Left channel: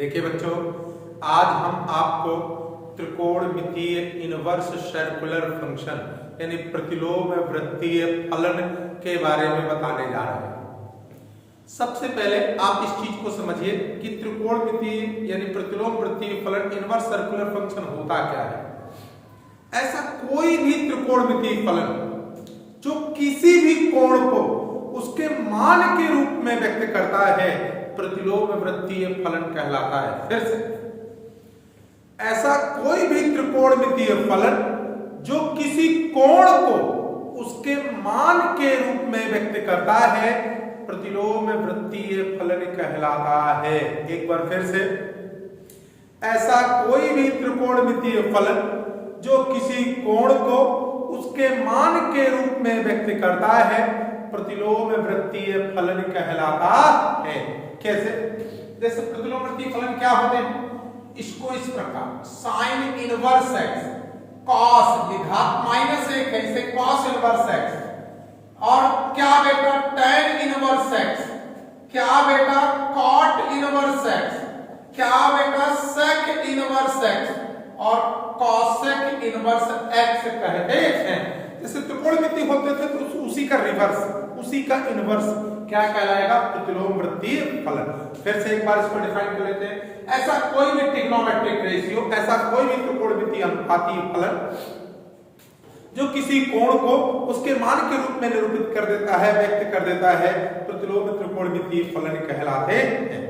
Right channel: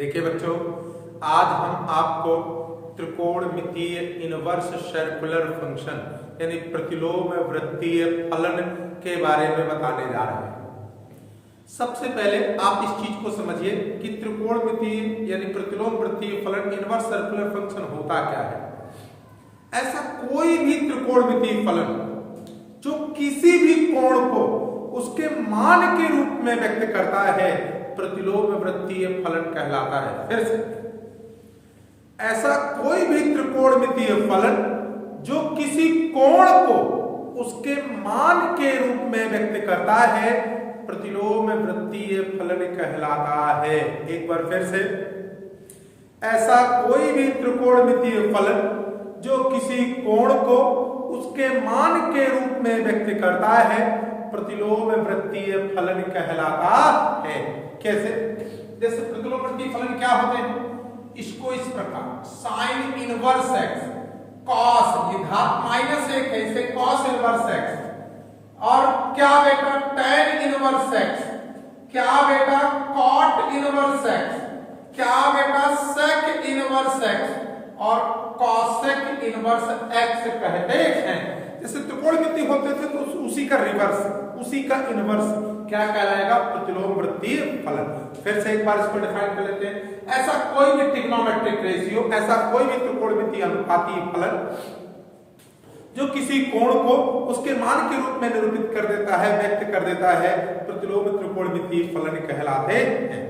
देखिए बच्चों, आज हम आपको त्रिकोणमितीय इनवर्स सर्कुलर फंक्शन यानी प्रतिलोम वृत्तीय फलन के बारे में बताने जा रहे हैं। सबसे पहले आप इस चीज को समझिए कि त्रिकोणमितीय यानी प्रतिलोम वृत्तीय फलन इनवर्स सर्कुलर फंक्शन होता क्या है। ऐसा कोई भी त्रिकोणमितीय फलन जो किसी भी कोण को उसके मान के रूप में व्यक्त करता है प्रतिलोम वृत्तीय फलन कहलाता है। फिर से, ऐसा कोई भी त्रिकोणमितीय फलन जो किसी कोण को उसके मान के रूप में व्यक्त करता है प्रतिलोम वृत्तीय फलन कहलाता है। एक बार फिर से, ऐसा कोई भी त्रिकोणमितीय फलन जो किसी कोण को उसके मान के रूप में व्यक्त करता है प्रतिलोम वृत्तीय फलन कहलाता है। कैसे? जैसे प्रतिलोम वृत्तीय फलन क्या होते हैं, इसको इस प्रकार साइन इनवर्स एक्स कॉस घात -1 है, इसे कॉस इनवर्स एक्स, और क्या बेटा tan इनवर्स एक्स, क्या बेटा कॉट इनवर्स एक्स, क्या बेटा सेक इनवर्स एक्स और कॉसेक इनवर्स एक्स कहते हैं। जैसे त्रिकोणमितीय होते थे तो उसी का रिवर्स, उसी का इनवर्स क्या कहलाएगा? प्रतिलोम वृत्तीय फलन। फिर से एक बार इसको डिफाइन कर लेते हैं। ऐसा कोई भी ट्रिग्नोमेट्रिक रेशियो, ऐसा कोई भी त्रिकोणमितीय अनुपातीय फलन जो किसी कोण को उसके मान के रूप में निरूपित कर देता है, व्यक्त कर देता है, प्रतिलोम त्रिकोणमितीय फलन कहलाते हैं।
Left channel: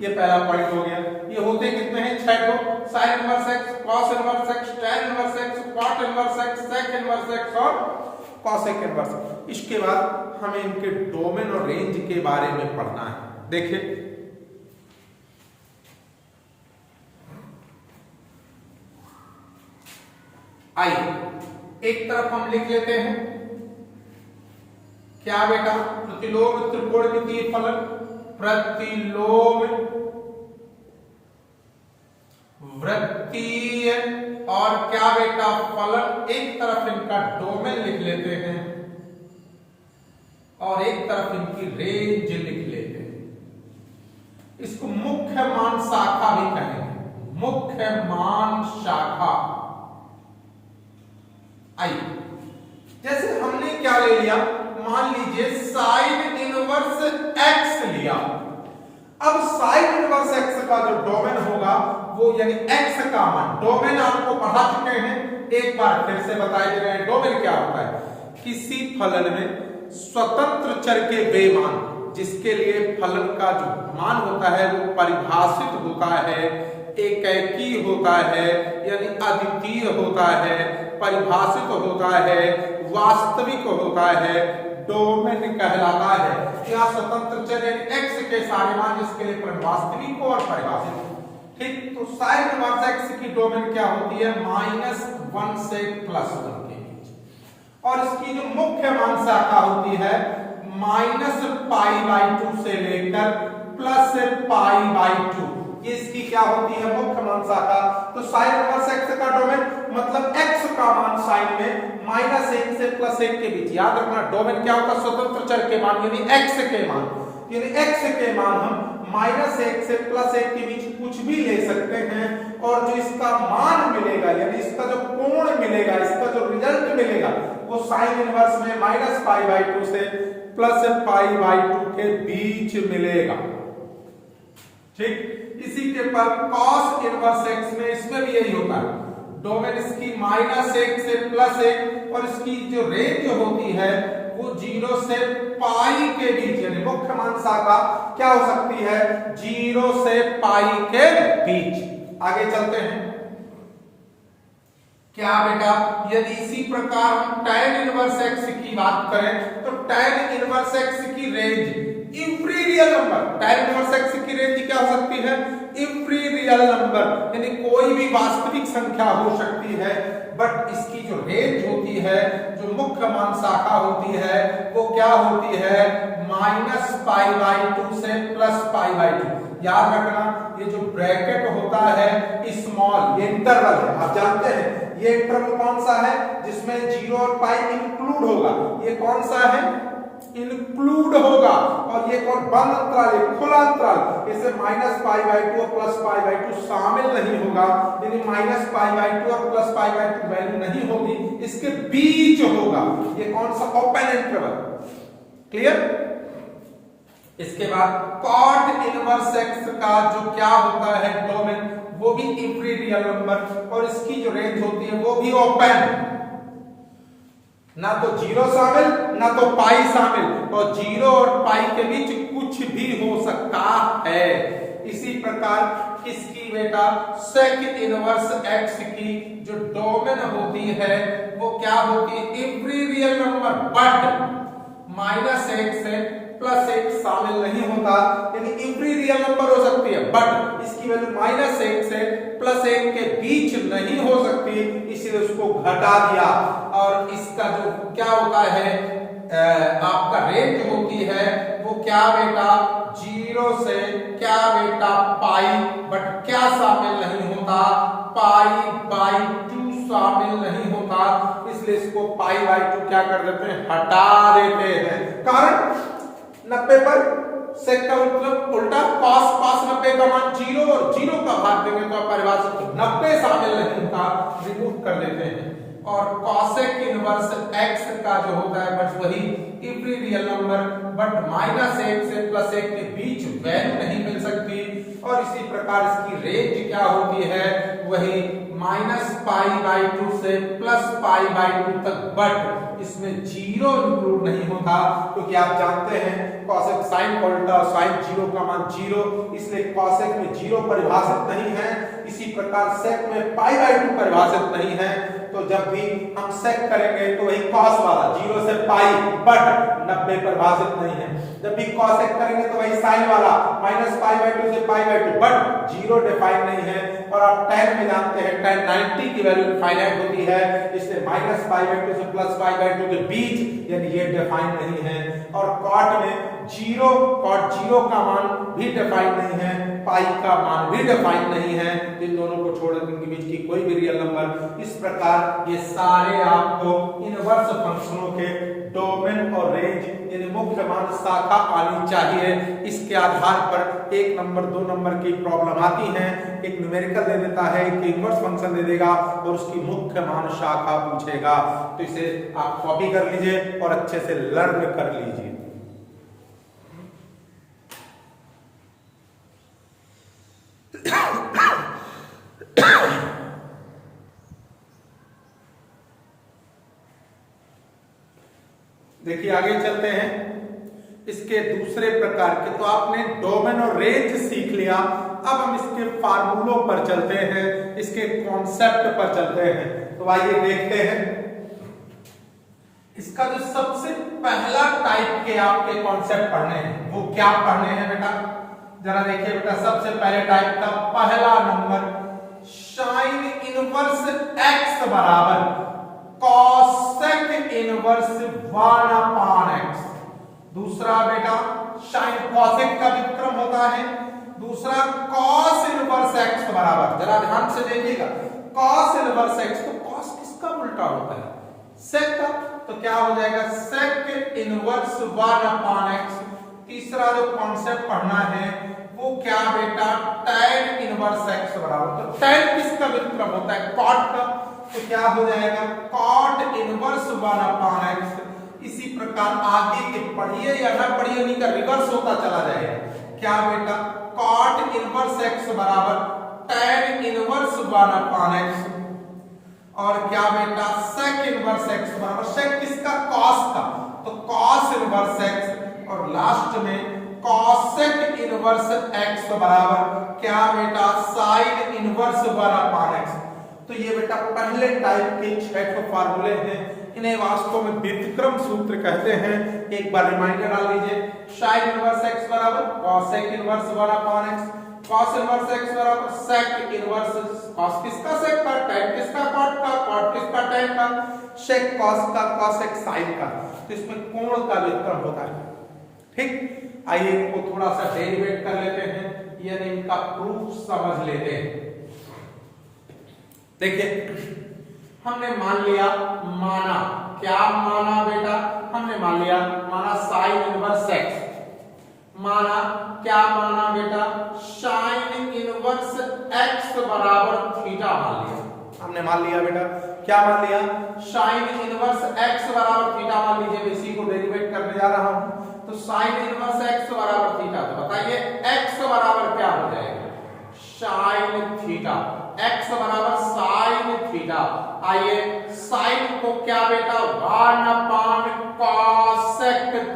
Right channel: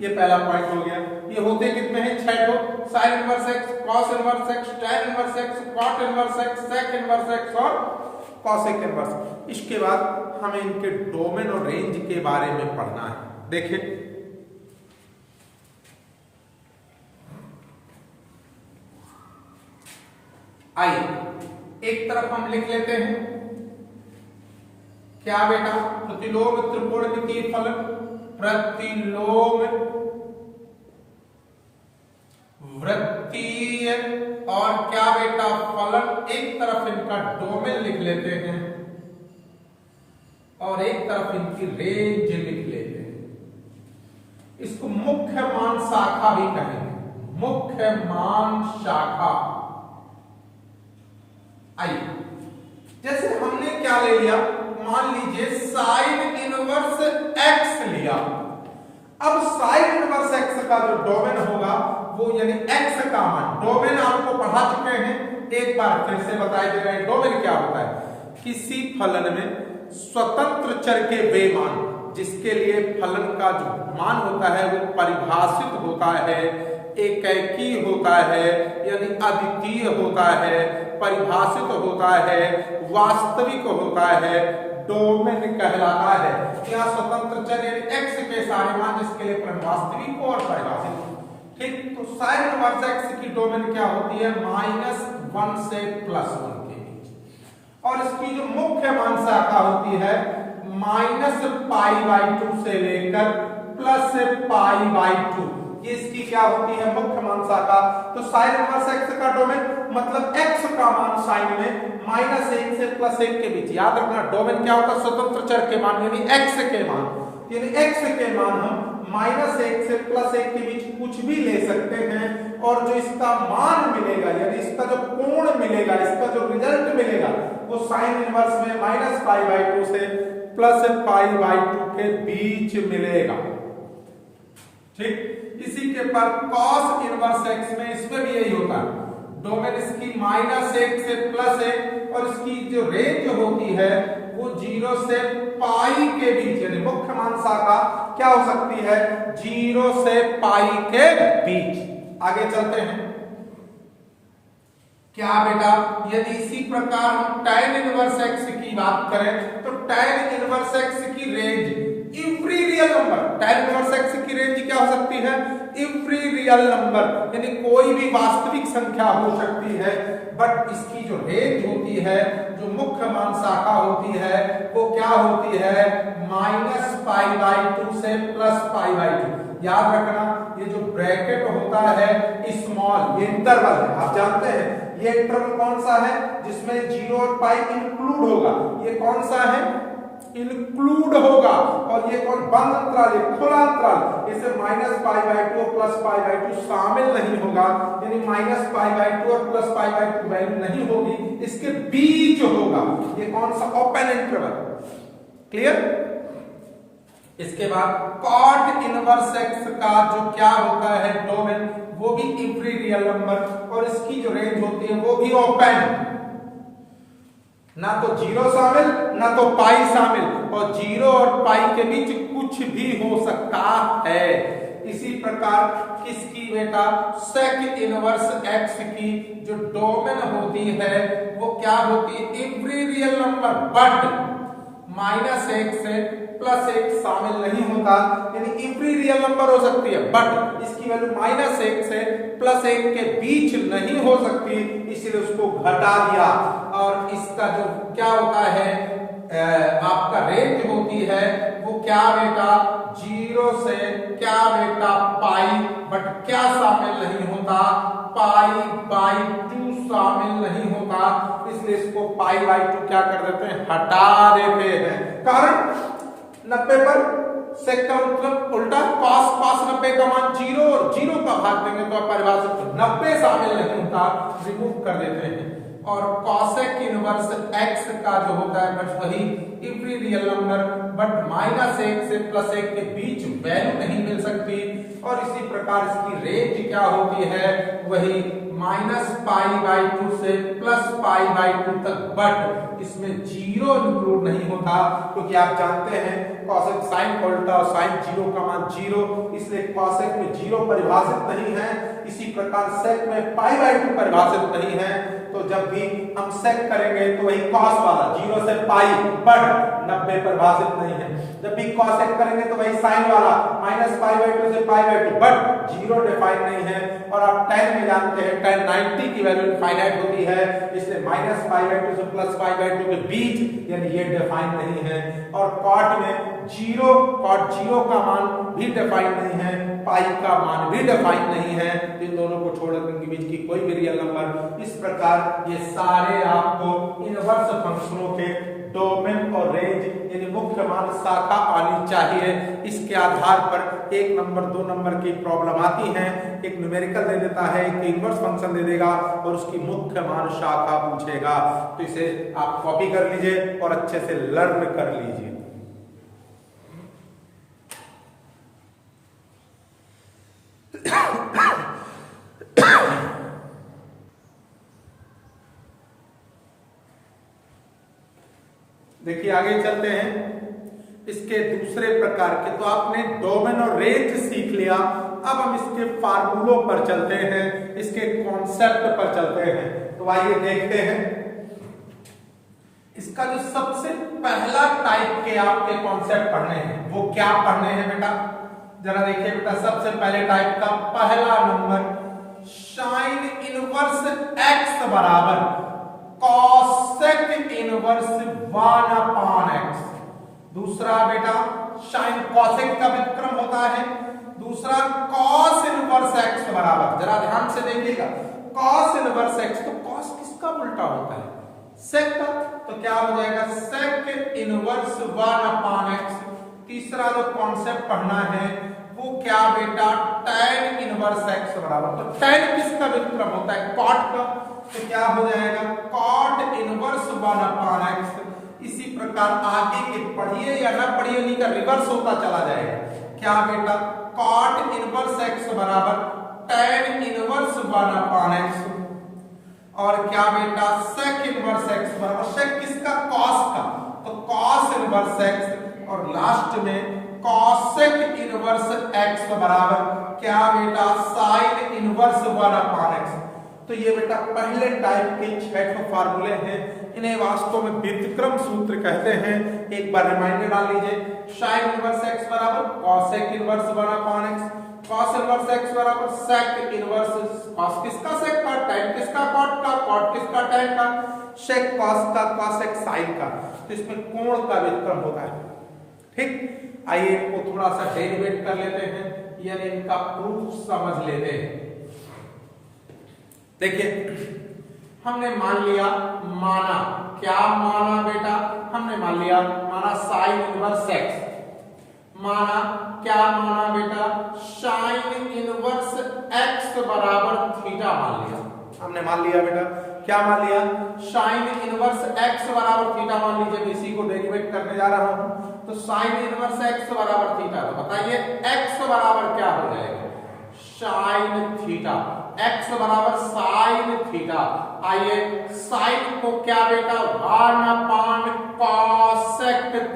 ये पहला पॉइंट हो गया। ये होते कितने हैं? 6 को, sine inverse x, cos inverse x, tan inverse x, cot inverse x, sec inverse x और कॉसेक इनवर्स। इसके बाद हमें इनके डोमेन और रेंज के बारे में पढ़ना है। देखिए, आइए एक तरफ हम लिख लेते हैं क्या बेटा? प्रतिलोम त्रिकोणमितीय फलन, प्रतिलोम वृत्तीय और क्या बेटा फलन। एक तरफ इनका डोमेन लिख लेते हैं और एक तरफ इनकी रेंज लिख लेते हैं। इसको मुख्य मान शाखा भी कहेंगे, मुख्य मान शाखा। आइए, जैसे हमने क्या ले लिया, मान लीजिए साइन इनवर्स एक्स लिया। अब साइन इनवर्स एक्स का जो डोमेन होगा वो यानी एक्स का मान, डोमेन आपको पढ़ा चुके हैं, एक बार फिर से बताए दे रहे हैं। डोमेन क्या होता है? किसी फलन में स्वतंत्र चर के वे मान जिसके लिए फलन का जो मान होता है वो परिभाषित होता है, एकैकी होता है यानी अद्वितीय होता है, परिभाषित होता है, वास्तविक होता है, डोमेन कहलाता है। यहाँ स्वतंत्र चर एक्स के सारे मान जिसके लिए फलन वास्तविक और परिभाषित। ठीक, तो साइन इनवर्स एक्स की डोमेन क्या होती है? -1 से +1 के बीच, और इसकी जो मुख्य मान शाखा होती है -π/2 से लेकर +π/2। ये इसकी क्या होती है? मुख्य मान शाखा। तो साइन इनवर्स एक्स का डोमेन मतलब एक्स का मान साइन में -1 से +1 के बीच। याद रखना, डोमेन क्या होता है? स्वतंत्र चर के मान यानी एक्स के मान, यानी एक्स के मान हम -1 से +1 के बीच कुछ भी ले सकते हैं, और जो इसका मान मिलेगा यानी इसका जो कोण मिलेगा, इसका जो रिजल्ट मिलेगा वो साइन इनवर्स में -π/2 से +π/2 के बीच मिलेगा। ठीक, इसी के पर cos इनवर्स x में, इसमें भी यही होता है। डोमेन इसकी -1 से +1 और इसकी जो रेंज होती है वो 0 से पाई के बीच, यानी मुख्य मान शाखा क्या हो सकती है? 0 से पाई के बीच। आगे चलते हैं। क्या बेटा? यदि इसी प्रकार हम tan इनवर्स x की बात करें तो tan इनवर्स x की range every real number, tan inverse x की रेंज क्या हो सकती है? एवरी रियल नंबर, यानी कोई भी वास्तविक संख्या हो सकती है, बट इसकी जो रेंज होती है, जो मुख्य मान शाखा होती है वो क्या होती है? -π/2 से +π/2। याद रखना, ये जो ब्रैकेट होता है स्मॉल, ये इंटरवल है, आप जानते हैं ये इंटरवल कौन सा है? जिसमें 0 और पाई इंक्लूड होगा। ये कौन सा है? इंक्लूड होगा, और ये कौन बंद अंतराल है, खुला अंतराल, इसे -π/2 और +π/2 शामिल नहीं होगा, यानी -π/2 और +π/2 वैल्यू नहीं होगी, इसके बीच होगा। ये कौन सा, ओपन इंटरवल। क्लियर। इसके बाद कॉट इनवर्स एक्स का जो क्या होता है डोमेन, वो भी इवरी रियल नंबर, और इसकी जो रेंज होती है वो भी ओपन, ना तो 0 शामिल ना तो पाई शामिल, और 0 और पाई के बीच कुछ भी हो सकता है। इसी प्रकार इसकी बेटा सेक इनवर्स एक्स की जो डोमेन होती है वो क्या होती है, एवरी रियल नंबर बट -1 से +1 शामिल नहीं होता, यानी एवरी रियल नंबर हो सकती है बट इसकी वैल्यू -1 से +1 के बीच नहीं हो सकती, इसलिए उसको घटा दिया। और इसका जो क्या होता है आपका रेंज होती है वो क्या बेटा, 0 से क्या बेटा पाई, बट क्या शामिल नहीं होता, π/2 शामिल नहीं होता, इसलिए इसको π/2 क्या कर देते हैं, हटा देते हैं। कारण 90 पर सेक का मतलब उल्टा, cos 90 का मान 0 और 0 का भाग देंगे तो परिभाषित 90 शामिल नहीं होता, रिमूव कर देते हैं। और cosec इनवर्स x का जो होता है बस वही इवरी रियल नंबर, बट -1 से +1 के बीच वैल्यू नहीं मिल सकती, और इसी प्रकार इसकी रेंज क्या होती है, वही -π/2 से +π/2 तक, बट इसमें 0 इंक्लूड नहीं होता, क्योंकि आप जानते हैं cosec sin का उल्टा, sin 0 का मान 0, इसलिए cosec में 0 परिभाषित नहीं है। इसी प्रकार sec में π/2 परिभाषित नहीं है, तो जब भी हम sec करेंगे तो वही cos वाला 0 से पाई बट 90 परिभाषित नहीं है, जब भी cosec करेंगे तो वही sin वाला -π/2 से π/2 बट 0 डिफाइन नहीं है। और आप tan में जानते हैं tan 90 की वैल्यू इनफाइनाइट होती है, इसलिए -π/2 से +π/2 के बीच, यानी ये डिफाइन नहीं है। और cot में cot 0 का मान भी डिफाइन नहीं है, पाई का मान भी डिफाइन नहीं है, इन दोनों को छोड़कर इनके बीच की कोई भी रियल नंबर। इस प्रकार ये सारे आपको इनवर्स फंक्शनों के डोमेन और रेंज, यानी मुख्य मान शाखा आनी चाहिए। इसके आधार पर 1 नंबर 2 नंबर की प्रॉब्लम आती है, एक न्यूमेरिकल दे देता है, एक इनवर्स फंक्शन दे देगा और उसकी मुख्य मान शाखा पूछेगा। तो इसे आप कॉपी कर लीजिए और अच्छे से लर्न कर लीजिए। देखिए आगे चलते हैं इसके दूसरे प्रकार के। तो आपने डोमेन और रेंज सीख लिया, अब हम इसके फार्मूलों पर चलते हैं, इसके कॉन्सेप्ट पर चलते हैं। तो आइए देखते हैं इसका जो सबसे पहला टाइप के आपके कॉन्सेप्ट पढ़ने हैं वो क्या पढ़ने हैं बेटा, जरा देखिए बेटा। सबसे पहले टाइप का पहला नंबर साइन इनवर्स x बराबर cosec इनवर्स 1/x। दूसरा बेटा साइन cosec का विक्रम होता है। दूसरा cos इनवर्स x बराबर, जरा ध्यान से देखिएगा, cos इनवर्स x, तो cos किसका उल्टा होता है, sec का, तो क्या हो जाएगा sec इनवर्स 1/x। तीसरा जो कॉन्सेप्ट पढ़ना है वो क्या बेटा, tan इनवर्स x बराबर, तो tan किसका विक्रम होता है, cot का, तो क्या हो जाएगा cot इनवर्स 1/x। इसी प्रकार आगे के पढ़िए या ना पढ़िए उन्हीं का रिवर्स होता चला जाएगा। क्या बेटा, cot इनवर्स x बराबर tan इनवर्स 1/x, और क्या बेटा sec इनवर्स x बराबर, sec किसका, cos का, तो cos इनवर्स x, और लास्ट में cosec इनवर्स x बराबर क्या बेटा sin इनवर्स 1/x। तो ये बेटा पहले टाइप के 6 फार्मूले हैं, इन्हें वास्तव में व्युत्क्रम सूत्र कहते हैं। एक बार रिमाइंडर डाल लीजिए, sin इनवर्स x बराबर cosec inverse 1/x, cos inverse x बराबर sec इनवर्स, cos किसका sec का, tan किसका cot का, cot किसका tan का, sec cos का, cosec sin का, तो इसमें कोण का व्युत्क्रम होता है। ठीक, आइए इनको थोड़ा सा डेरिवेट कर लेते हैं, यानी इनका प्रूफ समझ लेते हैं। देखिए हमने मान लिया, माना क्या माना बेटा, हमने मान लिया, माना साइन इनवर्स एक्स, माना क्या माना बेटा, साइन इनवर्स एक्स बराबर थीटा मान लिया, हमने मान लिया बेटा, क्या मान लिया, साइन इनवर्स एक्स बराबर थीटा मान लीजिए। इसी को डेरिवेट करने जा रहा हूं, तो साइन इनवर्स एक्स बराबर थीटा, तो बताइए एक्स बराबर क्या हो जाएगा, साइन थीटा, एक्स बराबर साइन थीटा। आइए साइन को क्या बेटा, 1/cosec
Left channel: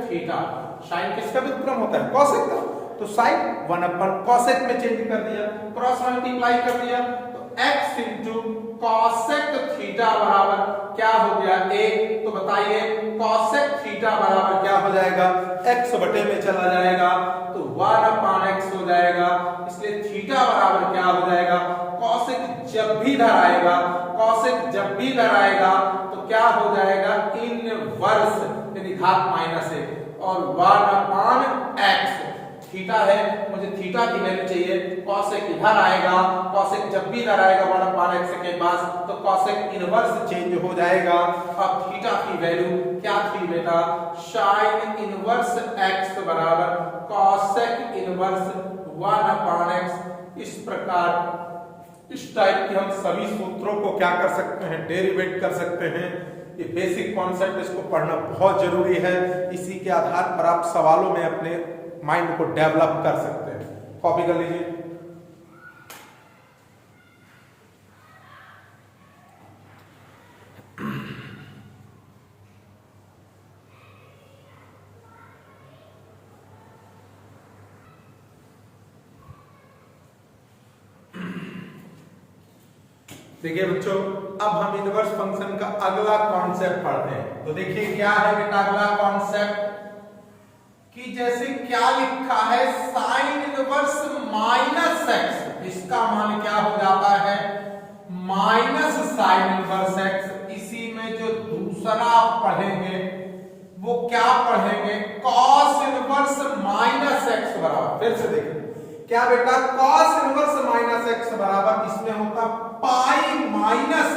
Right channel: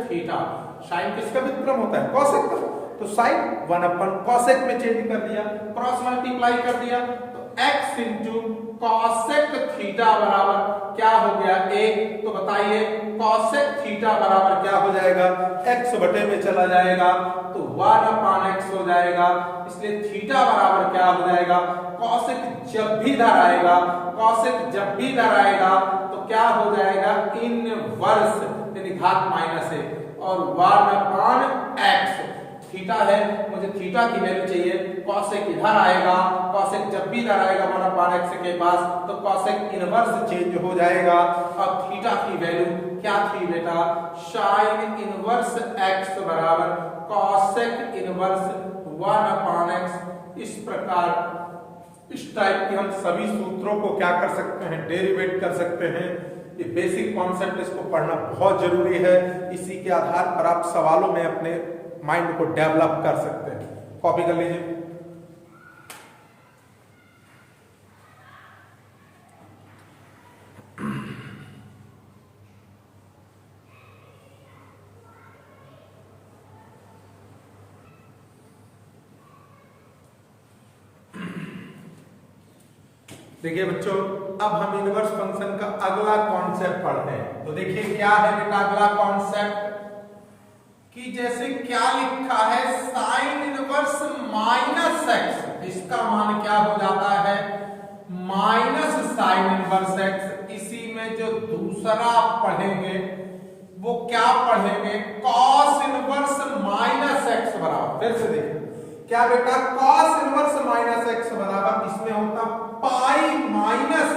थीटा, साइन किसका व्युत्क्रम होता है, कोसेक का, तो साइन 1/cosec में चेंज कर दिया, क्रॉस मल्टीप्लाई कर दिया, तो x इंटू कॉसेक थीटा बराबर क्या हो गया 1। तो बताइए कॉसेक थीटा बराबर क्या हो जाएगा, x बटे में चला जाएगा तो 1/x हो जाएगा, इसलिए थीटा बराबर क्या हो जाएगा, कॉसेक जब भी इधर आएगा, कॉसेक जब भी इधर आएगा तो क्या हो जाएगा, इनवर्स यानी घात माइनस है, और 1/x थीटा है, मुझे थीटा की वैल्यू चाहिए, कॉसेक इधर आएगा, कॉसेक जब भी इधर आएगा 1/x के पास तो कॉसेक इनवर्स चेंज हो जाएगा। अब थीटा की वैल्यू क्या थी बेटा, साइन इनवर्स x बराबर कॉसेक इनवर्स 1/x। इस प्रकार इस टाइप के हम सभी सूत्रों को क्या कर सकते हैं, डेरिवेट कर सकते हैं। ये बेसिक कॉन्सेप्ट, इसको पढ़ना बहुत जरूरी है, इसी के आधार पर आप सवालों में अपने माइंड को डेवलप कर सकते हैं। कॉपी कर लीजिए। देखिए बच्चों, अब हम इनवर्स फंक्शन का अगला कॉन्सेप्ट पढ़ते हैं। तो देखिए क्या है बेटा अगला कॉन्सेप्ट, कि जैसे क्या लिखा है, साइन इनवर्स माइनस एक्स, इसका मान क्या हो जाता है, माइनस साइन इनवर्स एक्स। इसी में जो दूसरा आप पढ़ेंगे वो क्या पढ़ेंगे, कॉस इनवर्स माइनस एक्स बराबर, फिर से देखिए क्या बेटा, कॉस इनवर्स माइनस एक्स बराबर, इसमें होता पाई माइनस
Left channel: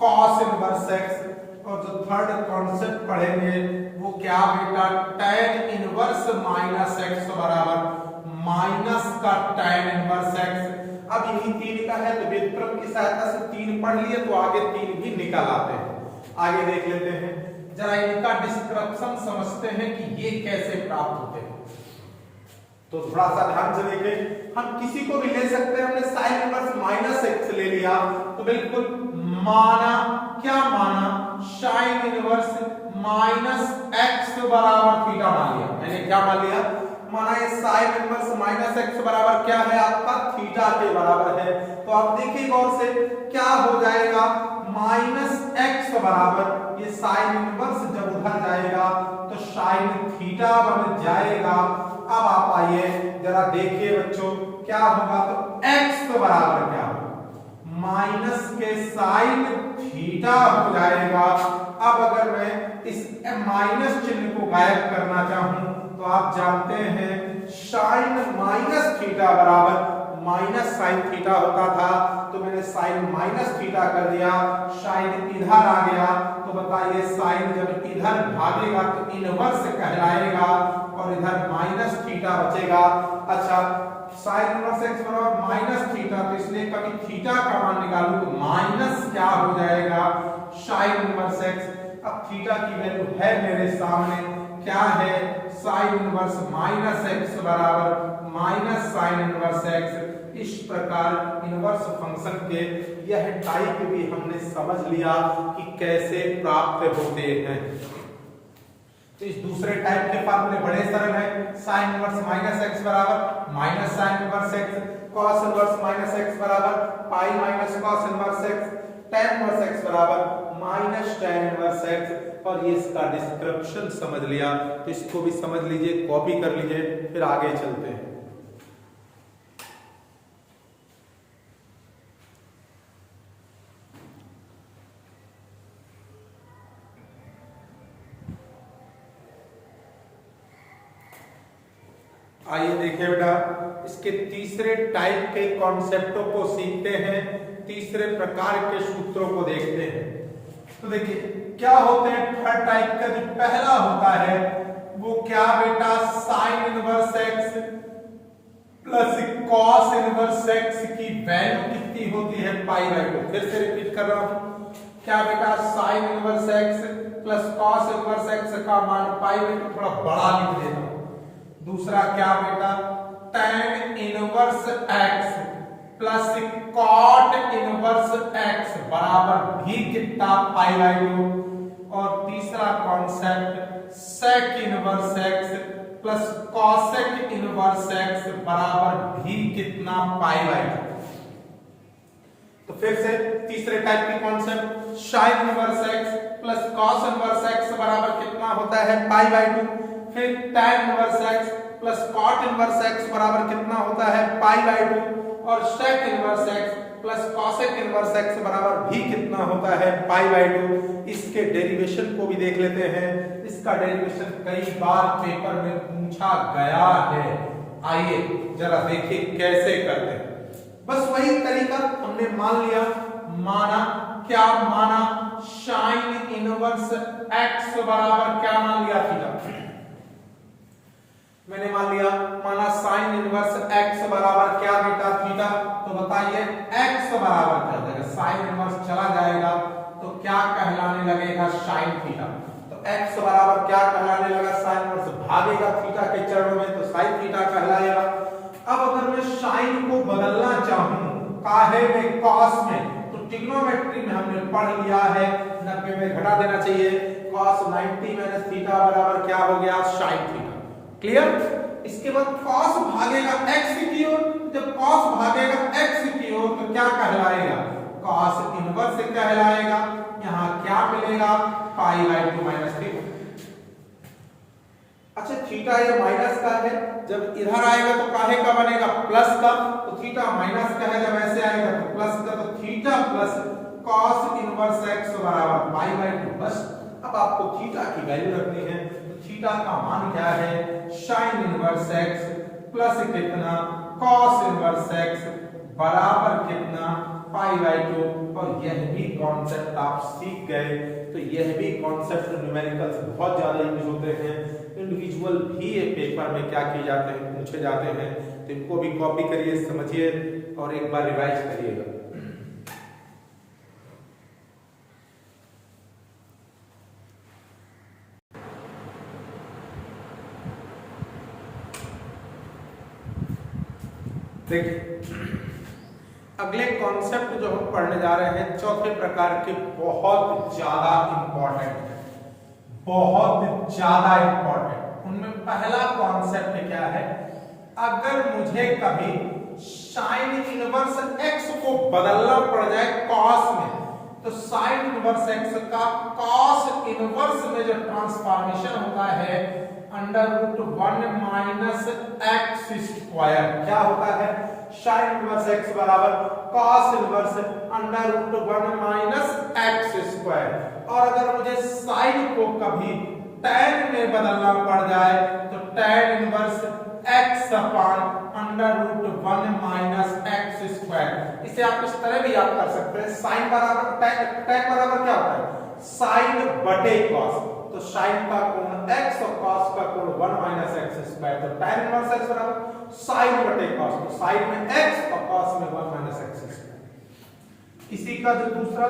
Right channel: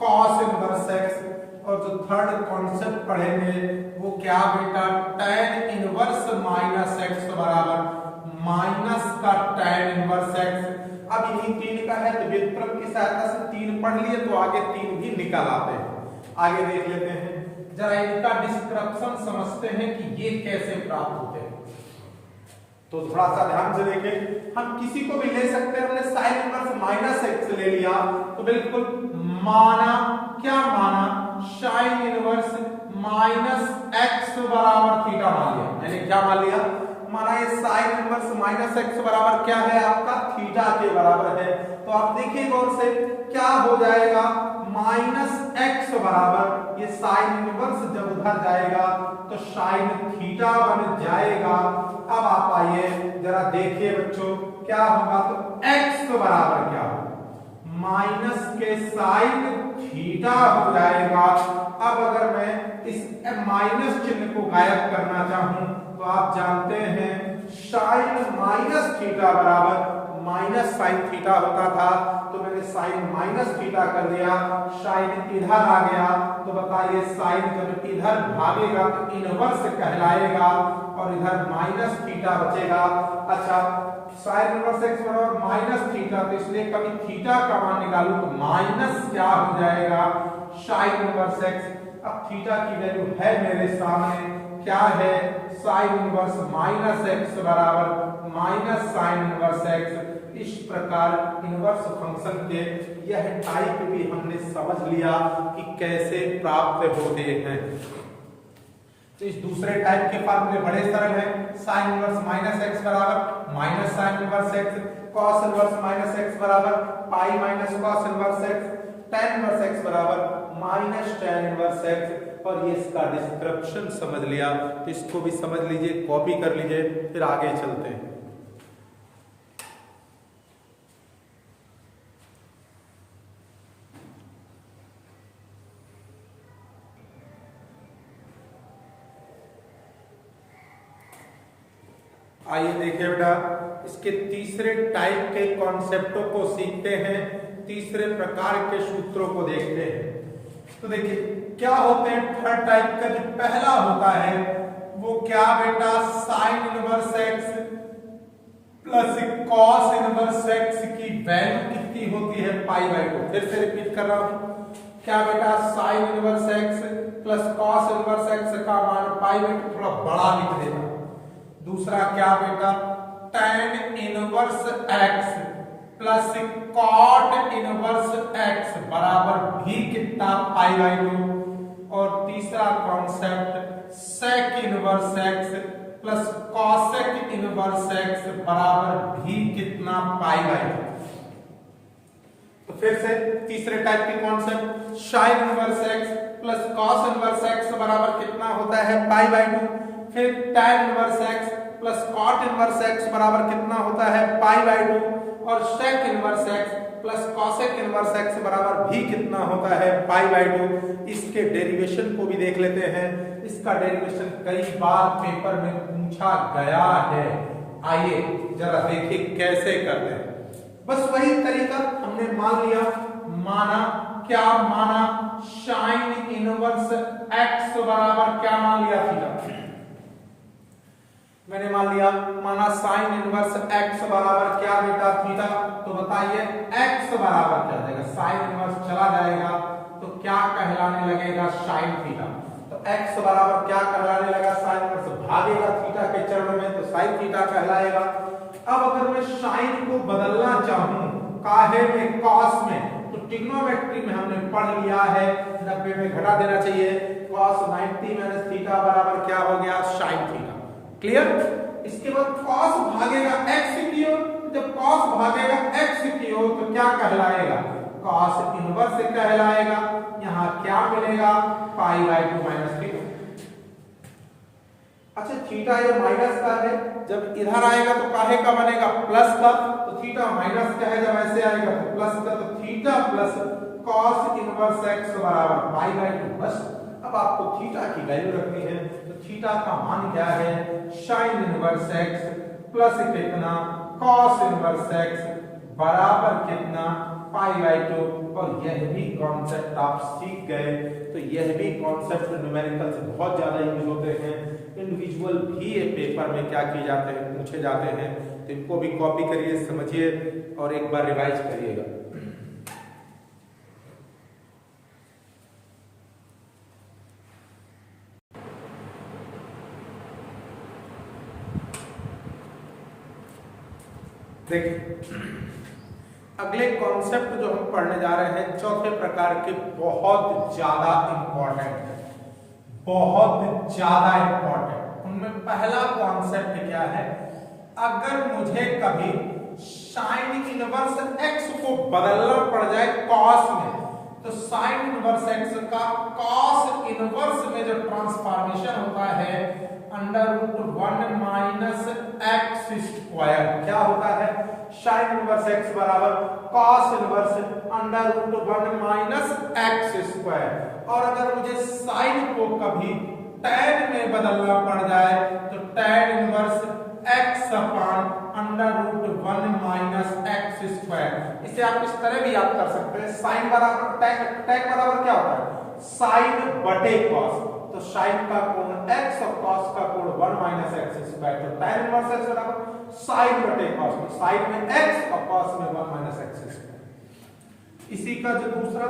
कॉस इनवर्स एक्स। और जो थर्ड कॉन्सेप्ट पढ़ेंगे वो क्या बेटा, tan इनवर्स माइनस एक्स बराबर माइनस का tan इनवर्स एक्स। अब यही 3 का है तो व्युत्क्रम की सहायता से 3 पढ़ लिए तो आगे 3 भी निकाल आते हैं। आगे देख लेते हैं, जरा इनका डिस्क्रिप्शन समझते हैं कि ये कैसे प्राप्त होते हैं। तो थोड़ा सा ध्यान से देखें, हम किसी को भी ले सकते हैं, हमने साइन इनवर्स माइनस एक्स ले लिया तो बिल्कुल माना, क्या माना, साइन इनवर्स माइनस एक्स बराबर थीटा मान लिया। मैंने क्या मान लिया, माना ये साइन इनवर्स माइनस एक्स बराबर क्या है आपका, थीटा के बराबर है। तो आप देखिए गौर से क्या हो जाएगा, माइनस एक्स बराबर ये साइन इनवर्स जब उधर जाएगा तो साइन थीटा बन जाएगा। अब आप आइए जरा देखिए बच्चों क्या होगा, तो x बराबर क्या होगा, माइनस के साइन थीटा हो जाएगा। अब अगर मैं इस माइनस चिन्ह को गायब करना चाहूं तो आप जानते हैं साइन माइनस थीटा बराबर माइनस साइन थीटा होता था, तो मैंने साइन माइनस थीटा कर दिया, साइन इधर आ गया, तो बताइए साइन जब इधर भागेगा तो इनवर्स कहलाएगा और इधर माइनस थीटा बचेगा। अच्छा, साइन इनवर्स एक्स बराबर माइनस थीटा, तो इसलिए कभी थीटा का मान निकालूं तो माइनस क्या हो जाएगा, साइन इनवर्स एक्स। अब थीटा की वैल्यू है मेरे सामने, क्या है, साइन इनवर्स माइनस एक्स बराबर माइनस साइन इनवर्स एक्स। इस प्रकार इनवर्स फंक्शन के यह टाइप भी हमने समझ लिया कि कैसे प्राप्त होते हैं। तो इस दूसरे टाइप के फार्मूले बड़े सरल हैं, साइन इनवर्स माइनस एक्स बराबर minus sine inverse x, cos inverse minus x बराबर pi minus cos inverse x, tan inverse x बराबर माइनस tan इनवर्स एक्स। और ये इसका डिस्क्रिप्शन समझ लिया, तो इसको भी समझ लीजिए, कॉपी कर लीजिए, फिर आगे चलते हैं। आइए देखिए बेटा, इसके तीसरे टाइप के कॉन्सेप्टों को सीखते हैं, तीसरे प्रकार के सूत्रों को देखते हैं। तो देखिए क्या होते हैं थर्ड टाइप का? जो पहला होता है वो क्या बेटा, sine inverse x plus cos inverse x की वैल्यू कितनी होती है, पाई बाई 2। फिर से रिपीट कर रहा हूं, क्या बेटा, sine inverse x plus cos inverse x का मान पाई बाई 2, थोड़ा बड़ा लिख देना। दूसरा क्या बेटा, tan inverse x plus cot inverse x बराबर भी कितना, पाई बाई 2। और तीसरा concept sec inverse x plus cosec inverse x बराबर भी कितना, पाई बाई 2। तो फिर से तीसरे टाइप की concept, sine inverse x plus cos inverse x बराबर कितना होता है, पाई बाई 2। फिर tan inverse x plus cot inverse x बराबर कितना होता है, पाई बाई 2। और sec inverse x plus cosec inverse x बराबर भी कितना होता है, पाई बाई 2। इसके डेरिवेशन को भी देख लेते हैं। इसका डेरिवेशन कई बार पेपर में पूछा गया है, आइए जरा देखिए कैसे करते हैं। बस वही तरीका हमने मान लिया, माना क्या माना, साइन इनवर्स एक्स बराबर क्या मान लिया, थीटा। मैंने मान लिया, माना साइन इनवर्स एक्स बराबर क्या बेटा, थीटा। तो बताइए एक्स बराबर क्या देगा, साइन इनवर्स चला जाएगा तो क्या कहलाने लगेगा, साइन थीटा। तो एक्स बराबर क्या कहलाने लगा, साइन इनवर्स भागेगा थीटा के चरणों में तो साइन थीटा कहलाएगा। अब अगर मैं साइन को बदलना चाहूं काहे में, कॉस में, तो ट्रिग्नोमेट्री में हमने पढ़ लिया है 90 में घटा देना चाहिए, cos 90 माइनस थीटा बराबर क्या हो गया, साइन थीटा। क्लियर। इसके बाद cos भागेगा x की ओर, जब cos भागेगा x की ओर तो क्या कहलाएगा, cos इनवर्स कहलाएगा। यहां क्या मिलेगा, पाई बाई 2 माइनस थीटा। अच्छा थीटा ये माइनस का है, जब इधर आएगा तो काहे का बनेगा, प्लस का। तो थीटा माइनस का है, जब ऐसे आएगा तो प्लस का। तो theta plus cos inverse x बराबर पाई बाई 2। बस अब आपको थीटा की वैल्यू रखनी है, तो थीटा का मान क्या है, साइन इनवर्स x प्लस कितना, cos इनवर्स x बराबर कितना, पाई बाई 2। और यह भी कॉन्सेप्ट आप सीख गए। तो यह भी कॉन्सेप्ट न्यूमेरिकल्स बहुत ज्यादा यूज होते हैं, इंडिविजुअल भी ये पेपर में क्या किए जाते हैं, पूछे जाते हैं। तो इनको भी कॉपी करिए, समझिए और एक बार रिवाइज करिएगा। देखिए अगले कॉन्सेप्ट जो हम पढ़ने जा रहे हैं चौथे प्रकार के, बहुत ज्यादा इंपॉर्टेंट है, बहुत ज्यादा इंपॉर्टेंट। उनमें पहला कॉन्सेप्ट क्या है, अगर मुझे कभी साइन इनवर्स एक्स को बदलना पड़ जाए कॉस में, तो साइन इनवर्स एक्स का कॉस इनवर्स में जो ट्रांसफॉर्मेशन होता है under root 1 minus x square, क्या होता है, साइन इनवर्स एक्स बराबर cos inverse under root 1 minus x square. और अगर मुझे साइन को कभी tan में बदलना पड़ जाए तो tan inverse x upon under root 1 minus x square. इसे आप इस तरह भी याद कर सकते हैं, साइन बराबर tan बराबर क्या होता है, साइन बटे कॉस। तो साइन का कोण x और cos का कोण 1 माइनस एक्स स्क्वायर। तो tan इनवर्स x बराबर साइन बटे cos, तो साइन में x और cos में 1 माइनस एक्स स्क्वायर। इसी का जो दूसरा,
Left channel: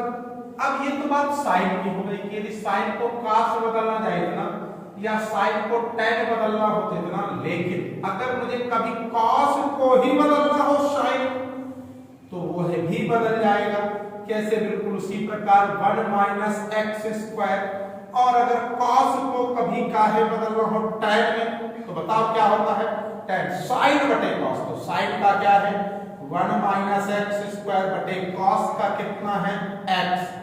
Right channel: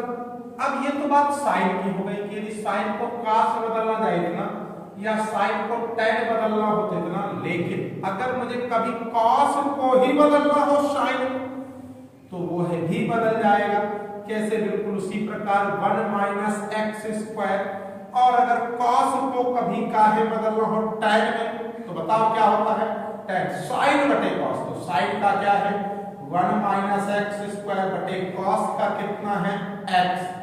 अब ये तो बात साइन की हो गई कि यदि साइन को cos में बदलना जाएगा ना, या साइन को tan बदलना होते थे ना, लेकिन अगर मुझे कभी cos को ही बदलना हो साइन, तो वो भी बदल जाएगा। कैसे, बिल्कुल उसी प्रकार 1 माइनस एक्स स्क्वायर। और अगर cos को कभी काहे बदलना हो tan में, तो बताओ क्या होता है, tan साइन बटे cos। तो साइन का क्या है, 1 माइनस एक्स स्क्वायर बटे cos का कितना है, x।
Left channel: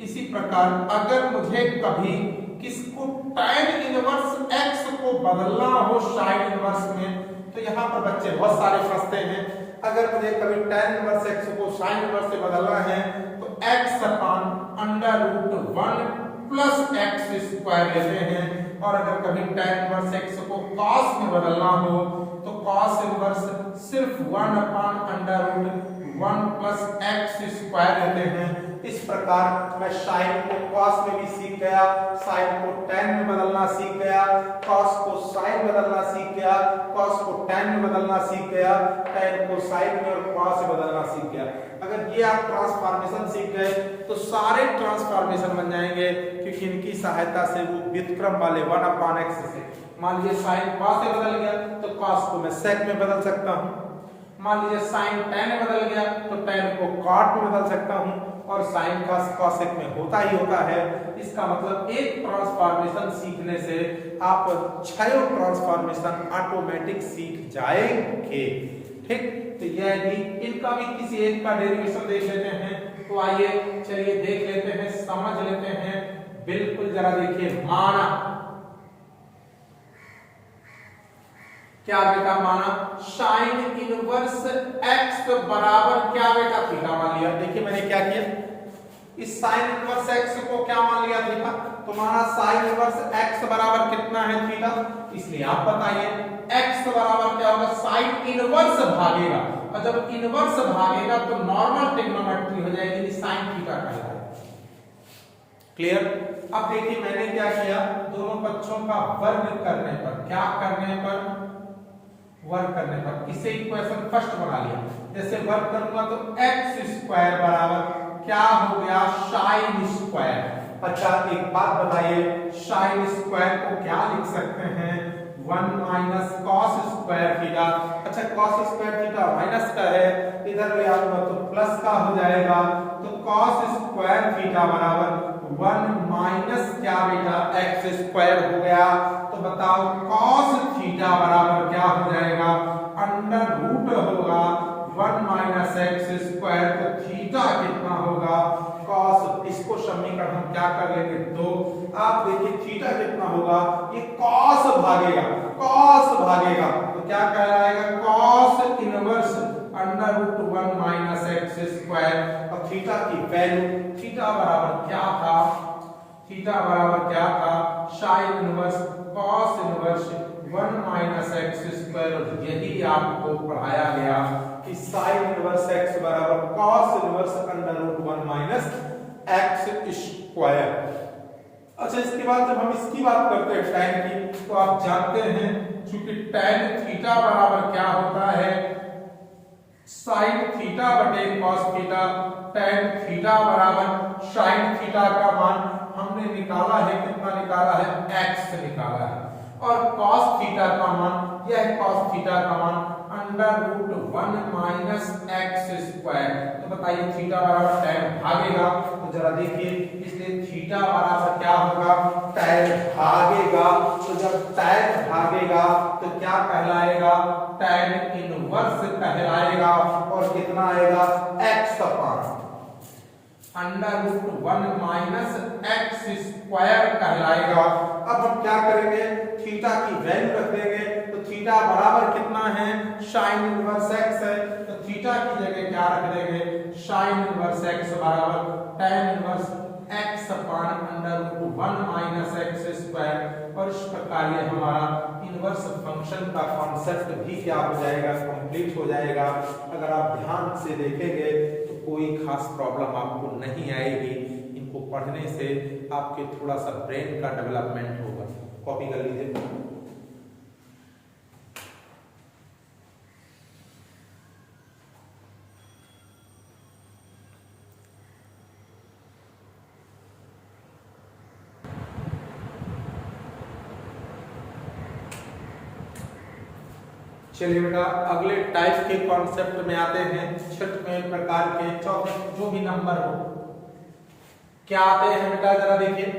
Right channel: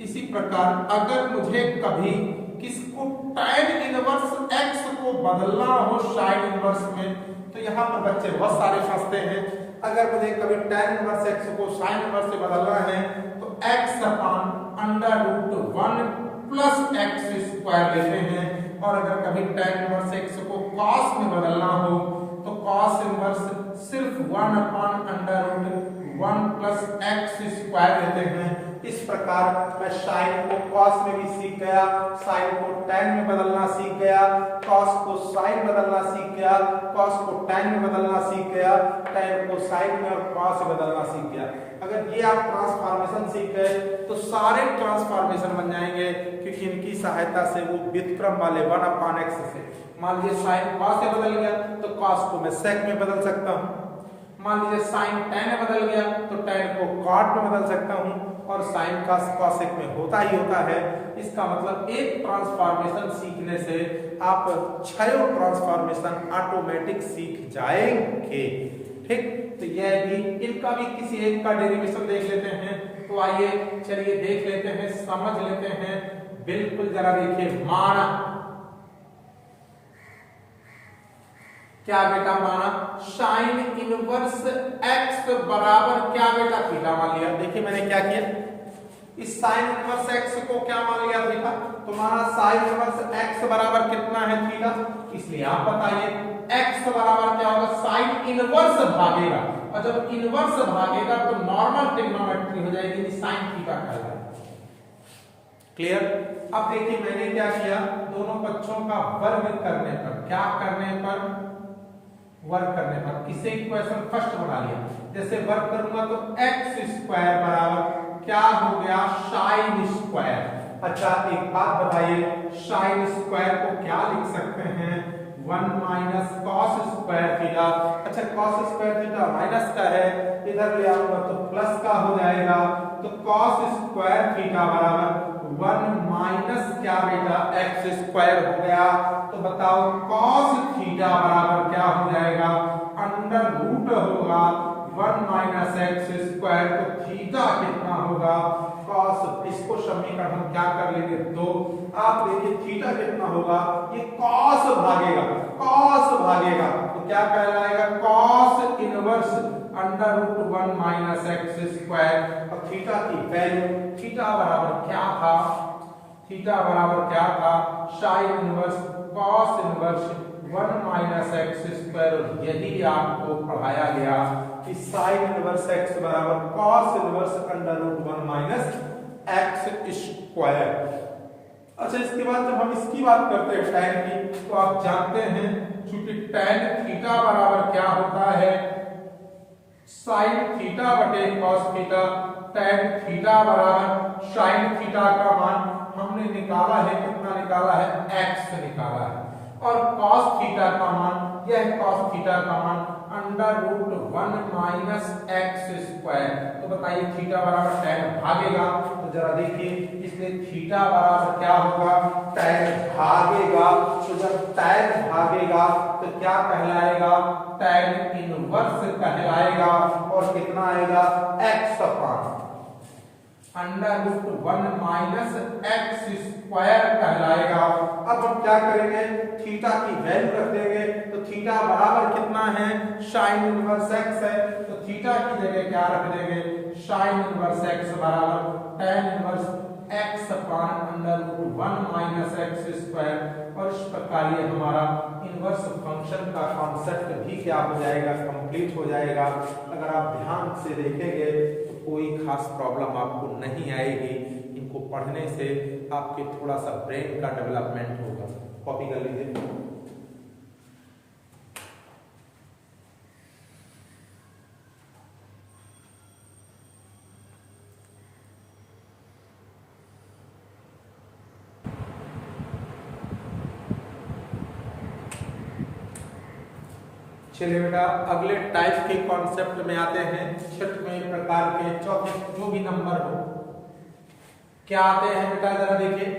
इसी प्रकार अगर मुझे कभी किसको tan इनवर्स x को बदलना हो साइन इनवर्स में, तो यहाँ पर बच्चे बहुत सारे फंसते हैं। अगर मुझे कभी tan इनवर्स x को साइन इनवर्स से बदलना है तो x upon under root 1 plus x square लेते हैं। और अगर कभी tan इनवर्स x को cos में बदलना हो तो cos इनवर्स सिर्फ 1 upon under root 1 plus x square लेते हैं। इस प्रकार मैं साइन को कॉस में भी सीख गया, साइन को टैन में बदलना सीख गया, कॉस को साइन बदलना सीख गया, कॉस को टैन में बदलना सीख गया, टैन को साइन में और कॉस में बदलना सीख गया। अगर ये आप ट्रांसफॉर्मेशन सीख गए तो सारे ट्रांसफॉर्मेशन बन जाएंगे, क्योंकि इनकी सहायता से वो व्युत्क्रम वाले 1/x से, मान लीजिए साइन कॉस से बदल गया तो कॉस को मैं सेक में बदल सकता हूँ, मान लीजिए साइन टैन में बदल गया तो टैन को कॉट में बदल सकता हूँ, और साइन का कॉसेक में होता ही होता है। इसका मतलब एक ट्रांसफॉर्मेशन सीखने से आप 6 ट्रांसफॉर्मेशन ऑटोमेटिक सीख जाएंगे। ठीक, तो यह भी, इनका भी किसी एक का डेरिवेशन देख लेते हैं। तो आइए चलिए देख लेते हैं, समझ लेते हैं। बिल्कुल जरा देखिए, माना क्या बेटा, माना साइन इनवर्स x बराबर क्या बेटा, थीटा मान लिया। देखिए मैंने क्या किया, इस साइन इनवर्स x को क्या मान लिया थीटा, तो माना साइन इनवर्स x बराबर कितना है, थीटा। इसलिए आप बताइए x बराबर क्या होगा, साइन इनवर्स भागेगा, और जब इनवर्स भागेगा तो नॉर्मल ट्रिग्नोमेट्री हो जाएगी, साइन थीटा कहलाएगा। क्लियर। अब देखिए मैंने क्या किया, दोनों पक्षों का वर्ग करने पर, क्या करने पर, वर्ग करने पर इसे इक्वेशन फर्स्ट बना लिया। जैसे वर्ग करूंगा तो x स्क्वायर बराबर क्या हो गया, साइन स्क्वायर। अच्छा एक बात बताइए, साइन स्क्वायर को क्या लिख सकते हैं, 1 माइनस कॉस स्क्वायर थीटा। अच्छा कॉस स्क्वायर थीटा माइनस का है, इधर ले आऊंगा तो प्लस का हो जाएगा, तो कॉस स्क्वायर थीटा बराबर 1 माइनस क्या बेटा, एक्स स्क्वायर हो गया। तो बताओ कॉस थीटा बराबर क्या हो जाएगा, अंडर रूट होगा 1 माइनस एक्स स्क्वायर। तो थीटा कितना होगा, कॉस, इसको समीकरण हम क्या कर लेंगे, 2। आप देखिए थीटा कितना होगा, ये कॉस भागेगा, कॉस भागेगा तो क्या कहलाएगा, cos inverse under root 1 minus x square. और थीटा की वैल्यू, थीटा बराबर क्या था, थीटा बराबर क्या था, sine inverse cos inverse 1 minus x square. यही आपको पढ़ाया गया कि साइन इनवर्स x बराबर cos inverse under root 1 minus x square. अच्छा इसके बाद जब हम इसकी बात करते हैं टैन की, तो आप जानते हैं चूंकि टैन थीटा बराबर क्या होता है, साइन थीटा बटे कॉस थीटा। टैन थीटा बराबर साइन थीटा का मान हमने निकाला है, कितना निकाला है, x निकाला है, और कॉस थीटा का मान, यह कॉस थीटा का मान under root 1 minus x square. तो बताइए थीटा बराबर टैन भागेगा, तो जरा देखिए, इसलिए थीटा बराबर क्या होगा, टैन भागेगा। तो जब टैन भागेगा तो क्या कहलाएगा, टैन इनवर्स कहलाएगा, और कितना आएगा, x upon under root 1 minus x square कहलाएगा। अब हम क्या करेंगे, थीटा की वैल्यू रख देंगे, तो थीटा बराबर कितना है, साइन इनवर्स x है, तो थीटा की जगह क्या रख देंगे, साइन इनवर्स x बराबर tan inverse x upon under root 1 minus x square. और इस प्रकार ये हमारा इनवर्स फंक्शन का कॉन्सेप्ट भी क्या हो जाएगा, कंप्लीट हो जाएगा। अगर आप ध्यान से देखेंगे तो कोई खास प्रॉब्लम आपको नहीं आएगी। इनको पढ़ने से आपके थोड़ा सा ब्रेन का डेवलपमेंट होगा। कॉपी कर लीजिए। चलिए बेटा अगले टाइप के कॉन्सेप्ट में आते हैं। छठवें प्रकार के, चौथे, जो भी नंबर हो, क्या आते हैं बेटा, जरा देखिए।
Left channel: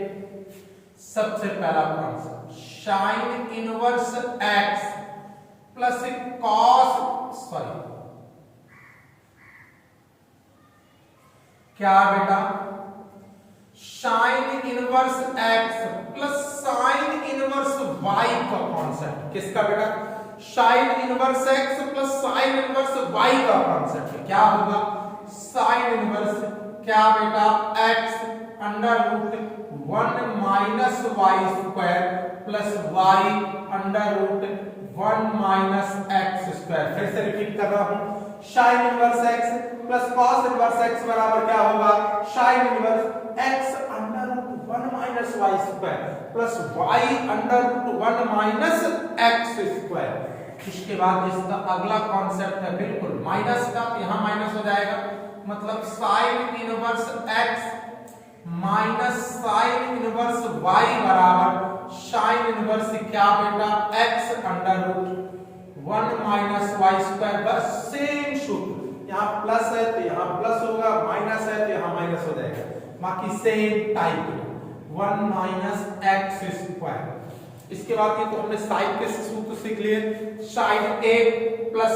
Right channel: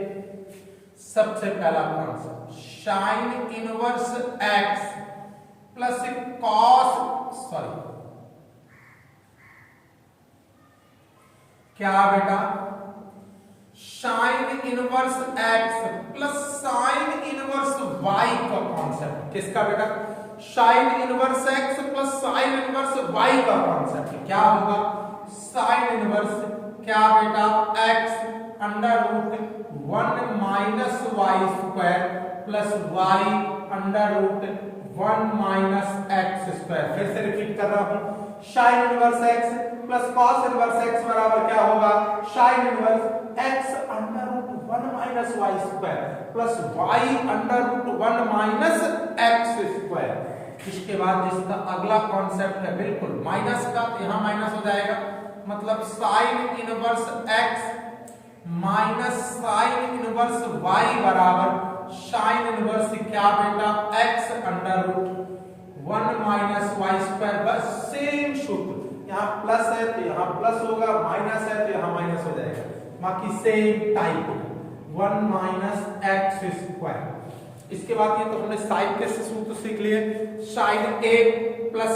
सबसे पहला concept, sine inverse x plus cos, क्या बेटा, sine inverse x plus sine inverse y का कॉन्सेप्ट। किसका बेटा, sine inverse x plus sine inverse y का कॉन्सेप्ट। क्या होगा, साइन इनवर्स क्या बेटा, x under root 1 minus y square plus y under root 1 minus x square. फिर से रिपीट कर रहा हूं, sine inverse x plus cos inverse x बराबर क्या होगा, sine inverse x under root 1 minus y square plus y under root 1 minus x square. इसके बाद इसका अगला कॉन्सेप्ट है बिल्कुल माइनस का, यहाँ माइनस हो जाएगा, मतलब sine inverse x minus sine inverse y बराबर साइन इनवर्स क्या बेटा, x under root 1 minus y square. बस सेम सूत्र, यहाँ प्लस है तो यहाँ प्लस होगा, माइनस है तो यहाँ माइनस हो जाएगा, बाकी same type 1 minus x square. इसके बाद ये तो हमने साइन के सूत्र सीख लिए, sine a plus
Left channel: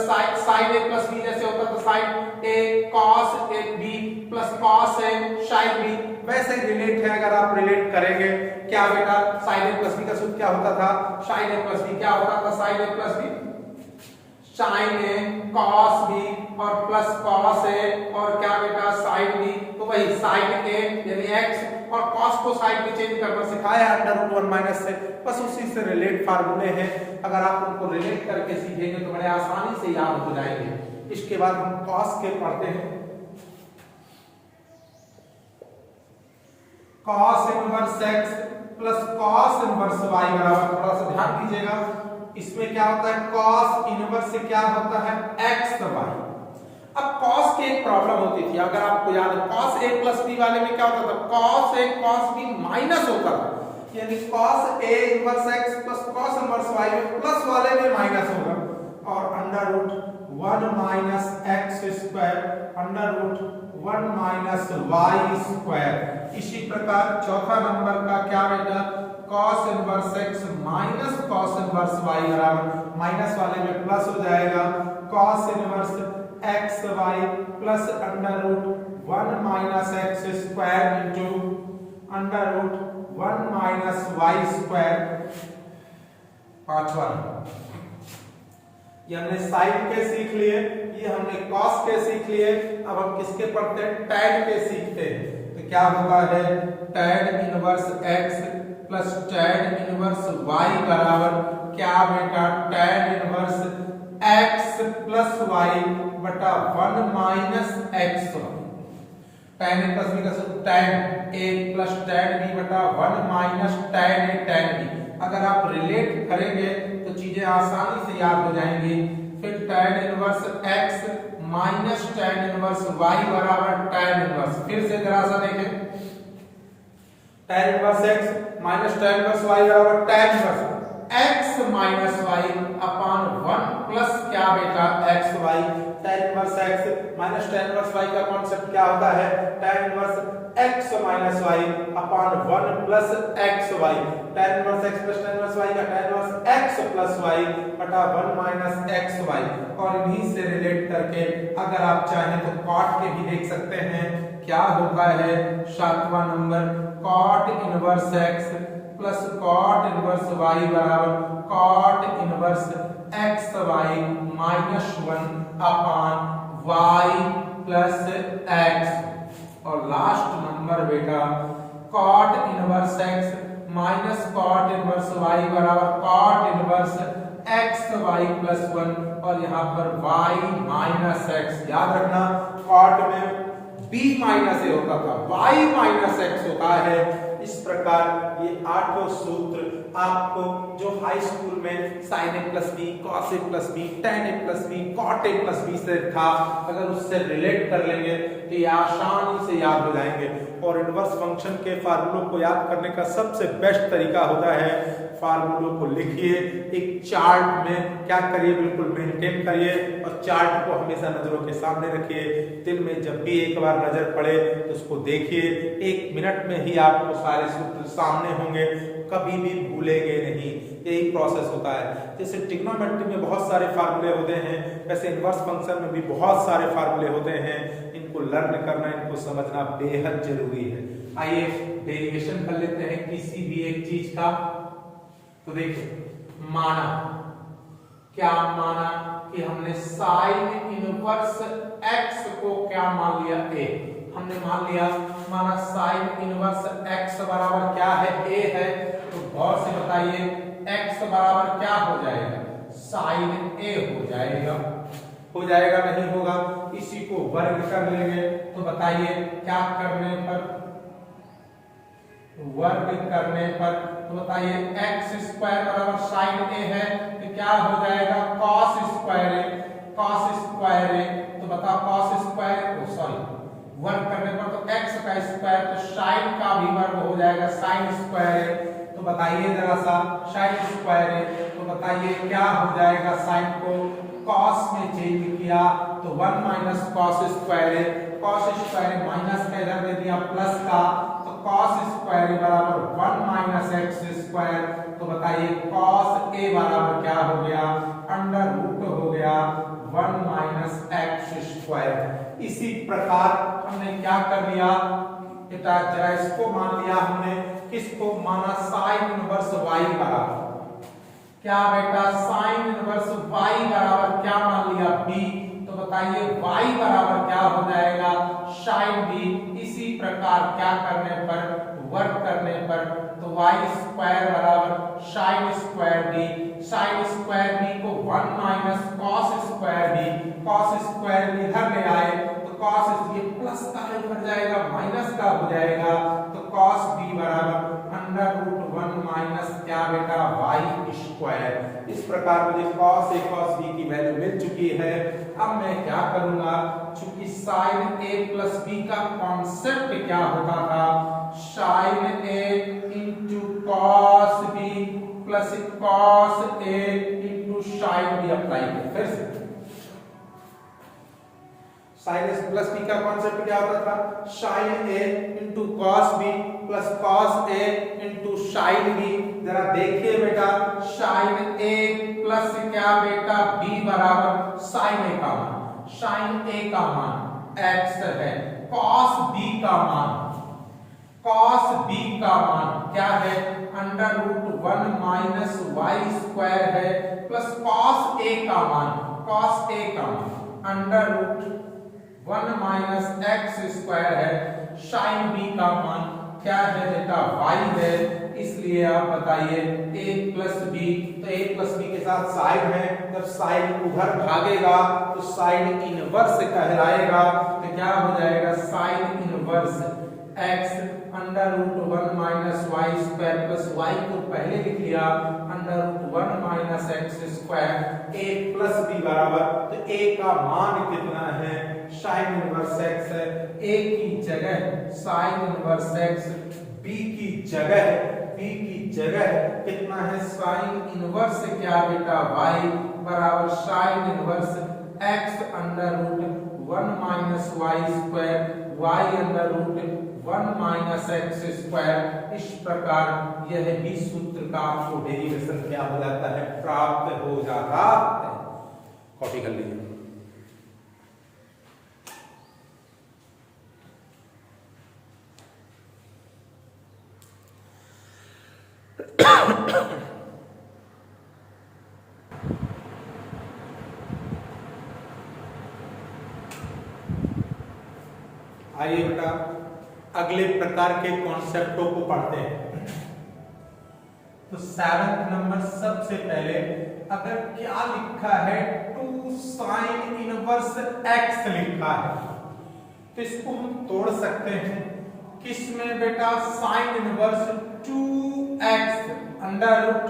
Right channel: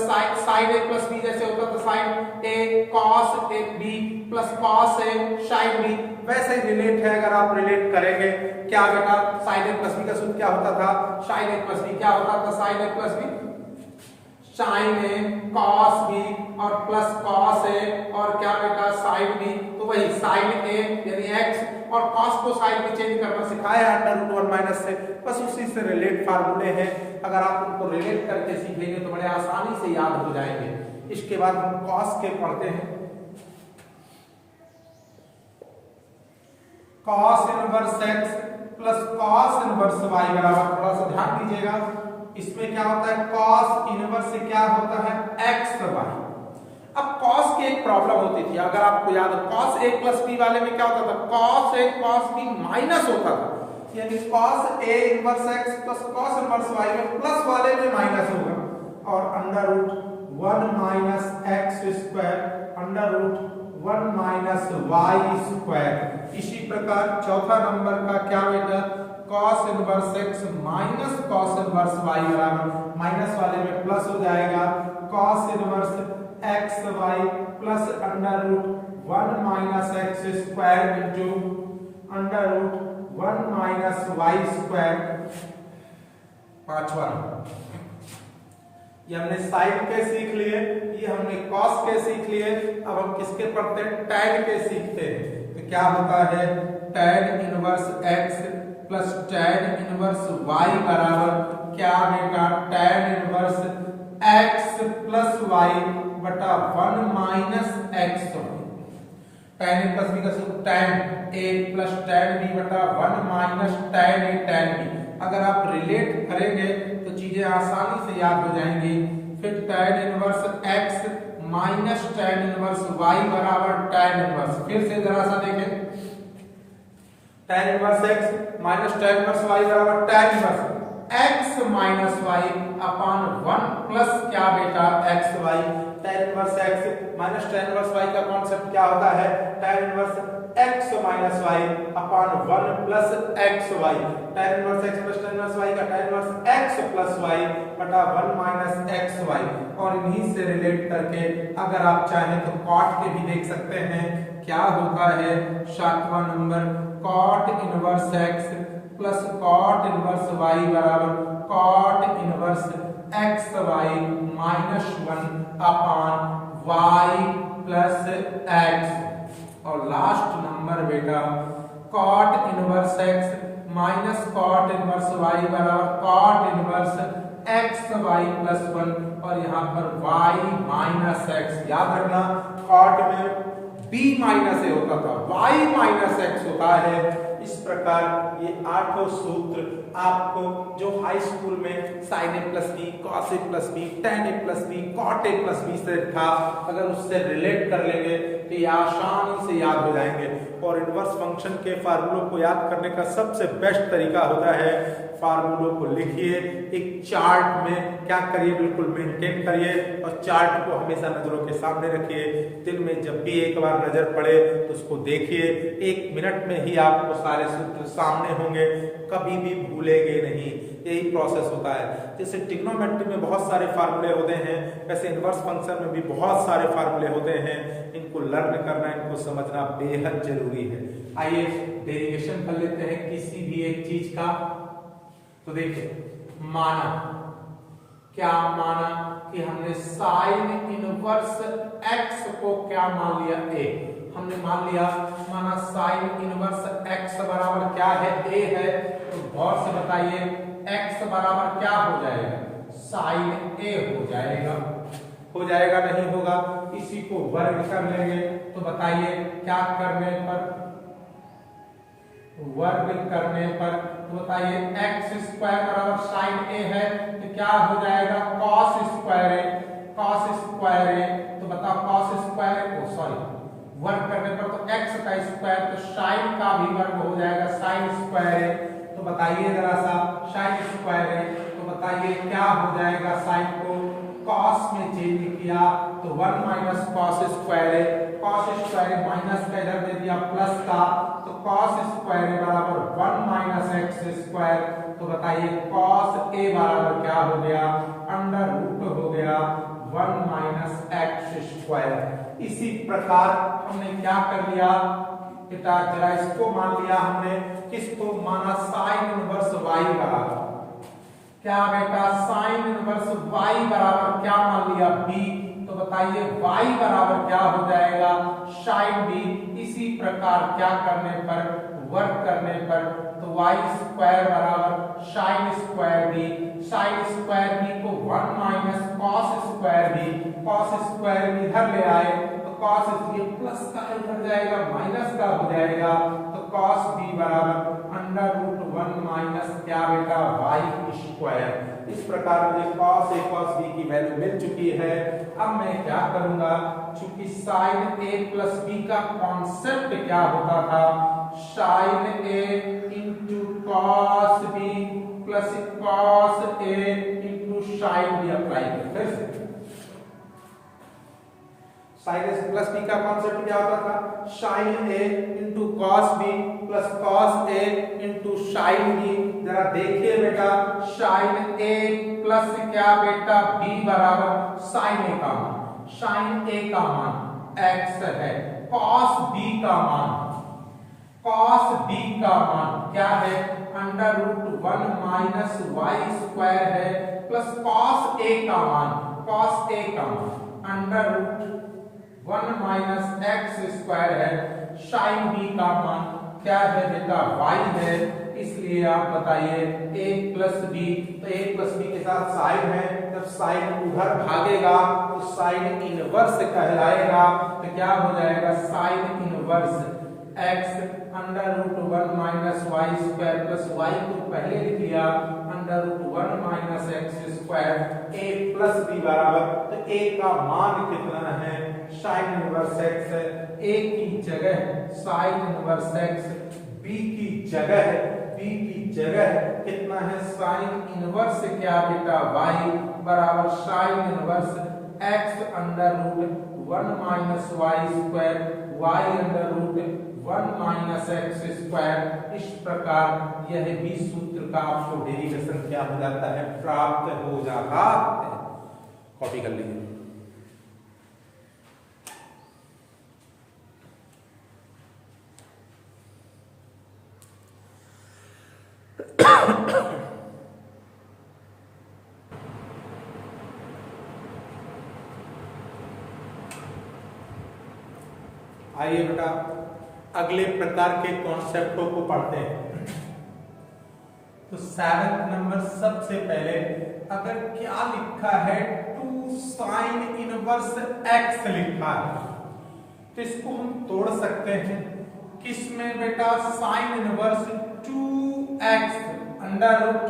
sine a plus b जैसे होता तो sine a cos a b plus cos a sine b, वैसे ही रिलेट है। अगर आप रिलेट करेंगे क्या बेटा, साइन ए प्लस बी का सूत्र क्या होता था, साइन ए प्लस बी क्या होता था, sign a plus B sign a cos B और प्लस कॉस ए और क्या बेटा साइन बी, तो वही साइन ए यानी एक्स और कॉस को साइन में चेंज करना सिखाया अंडर रूट 1 माइनस से, बस उसी से रिलेट फार्मूले हैं। अगर आप उनको रिलेट करके सीखेंगे तो बड़े आसानी से याद हो जाएंगे। इसके बाद हम कॉस के पढ़ते हैं, cos inverse x plus cos inverse y बराबर, थोड़ा सा ध्यान दीजिएगा, इसमें क्या होता है, कॉस इनवर्स से क्या होता है, x y। अब cos की एक प्रॉब्लम होती थी, अगर आपको याद है cos a प्लस b वाले में क्या होता था, cos a cos b minus होता था, यानी cos a inverse x plus cos inverse y में प्लस वाले में माइनस होगा, और under root 1 minus x square under root 1 minus y square. इसी प्रकार चौथा नंबर का क्या बेटा, cos inverse x minus cos inverse y बराबर माइनस वाले में प्लस हो जाएगा, cos inverse x y plus under root 1 minus x square into under root 1 minus y square. पांचवा ये हमने साइन के सीख लिए, ये हमने कॉस के सीख लिए, अब हम किसके पढ़ते हैं, टैन के सीखते हैं। तो क्या होता है, tan inverse x plus tan inverse y बराबर क्या बेटा, tan inverse x plus y बटा 1 minus x. Tan a plus B का सूत्र tan a plus tan B बटा 1 minus tan A tan B. अगर आप रिलेट करेंगे तो चीजें आसानी से याद हो जाएंगी। फिर tan inverse x minus tan inverse y बराबर टैन इनवर्स, फिर से जरा सा देखें, tan inverse x minus tan inverse y बराबर tan inverse x minus y upon 1 plus क्या बेटा x y. Tan inverse x minus tan inverse y का कॉन्सेप्ट क्या होता है, tan inverse x minus y upon 1 plus x y. Tan inverse x plus tan inverse y का tan inverse x plus y बटा 1 minus x Y. और इन्हीं से relate करके अगर आप चाहें तो कॉट के भी देख सकते हैं, क्या होता है, सातवां number cot inverse x plus cot inverse y बराबर cot inverse x y minus 1 upon y plus x. और लास्ट नंबर बेटा cot inverse x minus cot inverse y बराबर cot inverse x y plus 1 और यहाँ पर y minus x. याद रखना cot में b माइनस ए होता था, y माइनस एक्स होता है। इस प्रकार ये 8 सूत्र आपको जो हाई स्कूल में sine a plus b, cos a plus b, tan a plus b, cot a plus b से था, अगर उससे रिलेट कर लेंगे तो ये आसानी से याद हो जाएंगे। और इनवर्स फंक्शन के फार्मूलों को याद करने का सबसे बेस्ट तरीका होता है, फार्मूलों को लिखिए, एक चार्ट में क्या करिए, बिल्कुल मेंटेन करिए और चार्ट को हमेशा नजरों के सामने रखिए। दिन में जब भी एक बार नजर पड़े तो उसको देखिए, 1 मिनट में ही आपको सारे सूत्र सामने होंगे, कभी भी भूलेंगे नहीं। यही प्रोसेस होता है। जैसे ट्रिग्नोमेट्री में बहुत सारे फार्मूले होते हैं, वैसे इनवर्स फंक्शन में भी बहुत सारे फार्मूले होते हैं। इनको लर्न करना, इनको समझना बेहद जरूरी है। आइए डेरिवेशन कर लेते हैं किसी भी एक चीज का। तो देखिए, माना क्या माना कि हमने साइन इनवर्स x को क्या मान लिया, a। हमने मान लिया, माना साइन इनवर्स x बराबर क्या है, a है। तो गौर से बताइए x बराबर क्या हो जाएगा, साइन a हो जाएगा। हो जाएगा नहीं होगा, इसी को वर्ग कर लेंगे। तो बताइए क्या करने पर, वर्ग करने पर, तो बताइए एक्स स्क्वायर बराबर साइन ए है तो क्या हो जाएगा कॉस स्क्वायर ए, कॉस स्क्वायर ए। तो बताओ कॉस स्क्वायर ओ सॉरी वर्ग करने पर तो एक्स का स्क्वायर तो साइन का भी वर्ग हो जाएगा साइन स्क्वायर ए। तो बताइए जरा सा साइन स्क्वायर ए, तो बताइए क्या हो जाएगा, साइन को कॉस में चेंज किया तो 1 माइनस कॉस स्क्वायर ए, कॉस स्क्वायर ए माइनस का इधर दे दिया प्लस का, तो कॉस स्क्वायर ए बराबर 1 माइनस एक्स स्क्वायर। तो बताइए कॉस ए बराबर क्या हो गया, अंडर रूट हो गया 1 माइनस एक्स स्क्वायर। इसी प्रकार हमने क्या कर लिया बेटा, जरा इसको मान लिया हमने, किसको माना, साइन इनवर्स y बराबर क्या बेटा, साइन इनवर्स y बराबर क्या मान लिया b। तो बताइए y बराबर क्या हो जाएगा साइन b। इसी प्रकार क्या करने पर, वर्ग करने पर, तो y स्क्वायर बराबर sine square b, sine square b को 1 minus cos square b, cos square b इधर ले आए तो कॉस ये प्लस का इधर जाएगा माइनस का हो जाएगा, तो कॉस b बराबर अंडर रूट 1 माइनस क्या बेटा y स्क्वायर। इस प्रकार मुझे cos a cos b की वैल्यू मिल चुकी है। अब मैं क्या करूंगा, चूंकि sin a प्लस b का कॉन्सेप्ट क्या होता था, sin a into cos b plus cos a into sin b apply करें। फिर से sin a प्लस b का कॉन्सेप्ट क्या होता था, sin a into cos b plus cos a into sin b। जरा देखिए बेटा sin a प्लस क्या बेटा b बराबर sin a का मान, sin a का मान x है, cos b का मान, cos b का मान क्या है under root 1 minus y square है, प्लस cos a का मान, cos a का मान under root 1 minus x square है, sin b का मान क्या है बेटा y है। इसलिए आप बताइए a प्लस b, तो a प्लस b के साथ साइन है, जब साइन उधर भागेगा तो साइन इनवर्स कहलाएगा। तो क्या हो जाएगा sine inverse x under root 1 minus y square plus y को पहले लिख लिया under root 1 minus x square, a plus b बराबर, तो a का मान कितना है साइन इनवर्स x है, a की जगह साइन इनवर्स x, b की जगह कितना है साइन इनवर्स क्या बेटा y बराबर sine inverse x under root 1 minus y square, y under root 1 minus x square. इस प्रकार यह भी सूत्र का आपको डेरिवेशन क्या हो जाता है, प्राप्त हो जाता है। कॉपी कर लीजिए। आइए बेटा अगले प्रकार के कॉन्सेप्टों को पढ़ते हैं। तो 7th नंबर सबसे पहले अगर क्या लिखा है 2 साइन इनवर्स x लिखा है तो इसको हम तोड़ सकते हैं किसमें बेटा, sine inverse 2x under root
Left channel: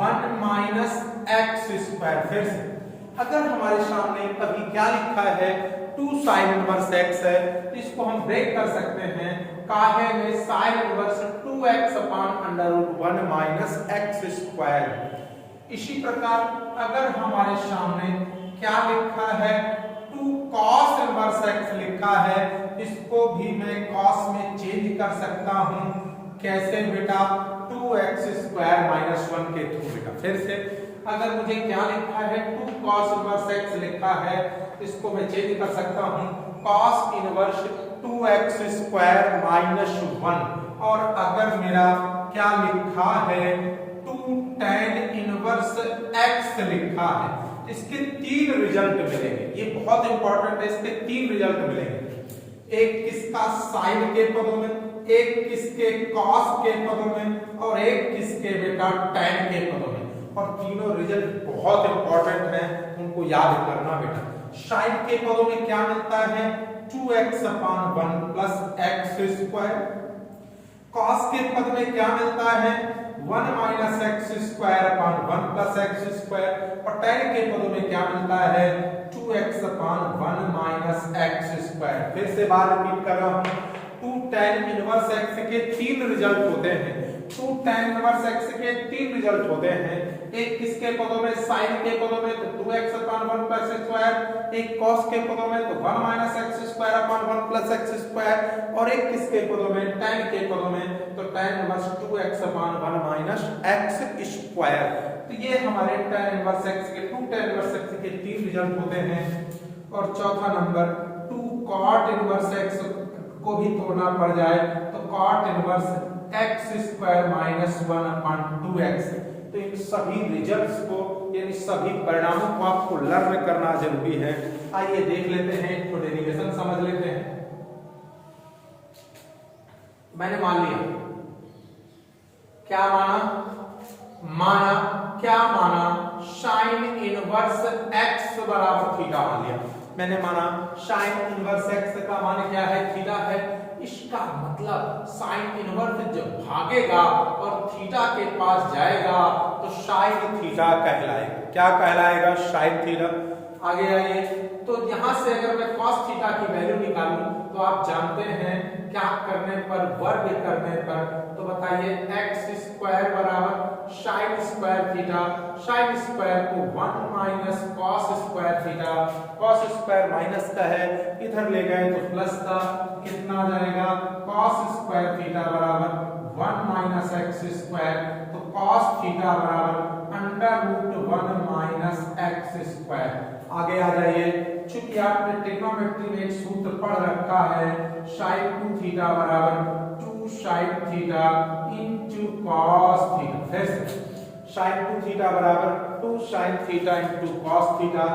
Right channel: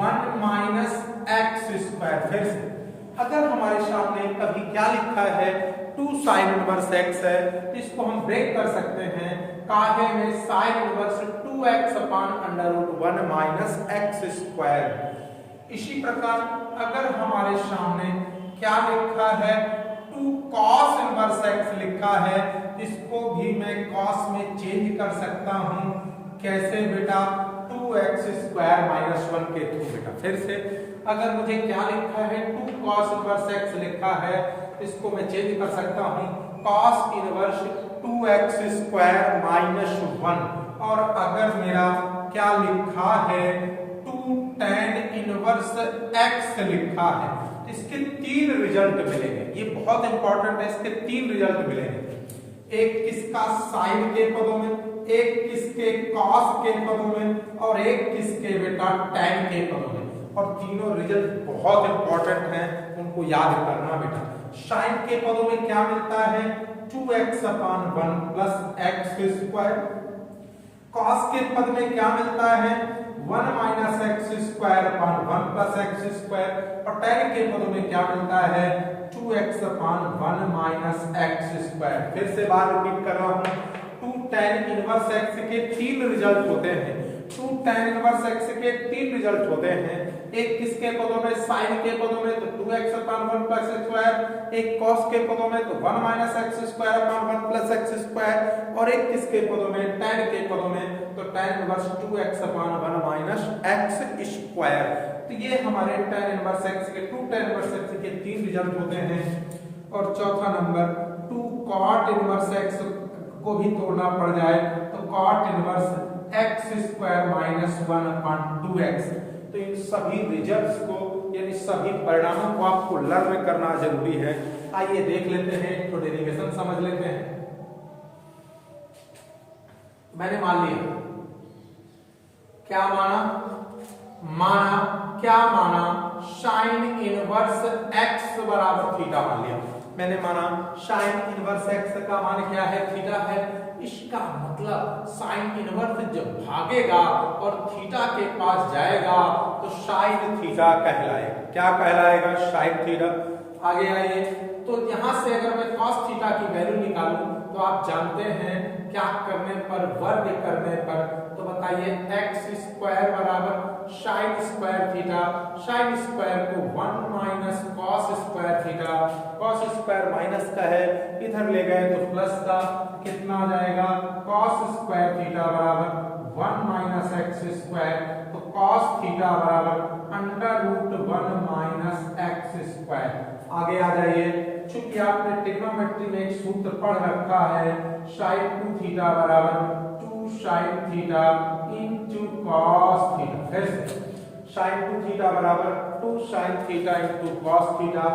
1 minus x square. फिर से अगर हमारे सामने कभी क्या लिखा है 2 साइन इनवर्स x है, इसको हम ब्रेक कर सकते हैं काहे में sine inverse 2x upon under root 1 minus x square. इसी प्रकार अगर हमारे सामने क्या लिखा है 2 cos इनवर्स x लिखा है, इसको भी मैं cos में चेंज कर सकता हूं, कैसे बेटा 2x स्क्वायर माइनस 1 के थ्रू बेटा। फिर से अगर मुझे क्या लिखा है 2 cos इनवर्स x लिखा है, इसको मैं चेंज कर सकता हूं cos inverse 2x square minus 1। और अगर मेरा क्या लिखा है 2 tan इनवर्स x लिखा है, इसके 3 रिजल्ट मिलेंगे, ये बहुत इंपॉर्टेंट है, इसके 3 रिजल्ट मिलेंगे, एक किसका साइन के पदों में, एक किसके cos के पदों में और एक किसके बेटा tan के पदों में। और तीनों रिजल्ट बहुत इंपॉर्टेंट हैं, उनको याद करना बेटा। साइन के पदों में क्या मिलता है 2x/1 + x²। कॉस के पद में क्या मिलता है 1 - x²/1 + x²। और tan के पदों में क्या मिलता है 2x/1 - x²। फिर से बात रिपीट कर रहा हूं, 2 tan इनवर्स x के 3 रिजल्ट होते हैं। 2 tan इनवर्स x के 3 रिजल्ट होते हैं। एक किसके पदों में साइन के पदों में तो 2x/1 + x², एक कॉस के पदों में तो 1 - x²/1 + x², और एक किसके पदों में tan के पदों में तो tan इनवर्स 2x/1 - x²। तो ये हमारे tan इनवर्स x के 2 tan इनवर्स x के 3 रिजल्ट होते हैं। और चौथा नंबर 2 cot इनवर्स x को भी तोड़ना पड़ जाए तो cot इनवर्स x² - 1/2x। तो इन सभी रिजल्ट्स को यानी सभी परिणामों को आपको लर्न करना जरूरी है। आइए देख लेते हैं, तो डेरिवेशन समझ लेते हैं। मैंने मान लिया, क्या माना क्या माना साइन इनवर्स x बराबर थीटा मान लिया। मैंने माना साइन इनवर्स x का मान क्या है थीटा है। इसका मतलब साइन इनवर्स जब भागेगा और थीटा के पास जाएगा तो साइन थीटा कहलाएगा। क्या कहलाएगा साइन थीटा। आगे आइए, तो यहां से अगर मैं cos थीटा की वैल्यू निकालूं तो आप जानते हैं क्या करने पर, वर्ग करने पर, तो बताइए x² बराबर sin² थीटा। sin² को 1 - cos² थीटा, cos² माइनस का है, इधर ले गए तो प्लस का, कितना आ जाएगा cos² थीटा बराबर 1 - x²। तो cos थीटा बराबर √1 - x²। आगे आ जाइए, चूंकि आपने ट्रिग्नोमेट्री में एक सूत्र पढ़ रखा है sin2 थीटा बराबर 2 sin theta into cos theta. फिर से sin2 थीटा बराबर 2 sin theta into cos theta.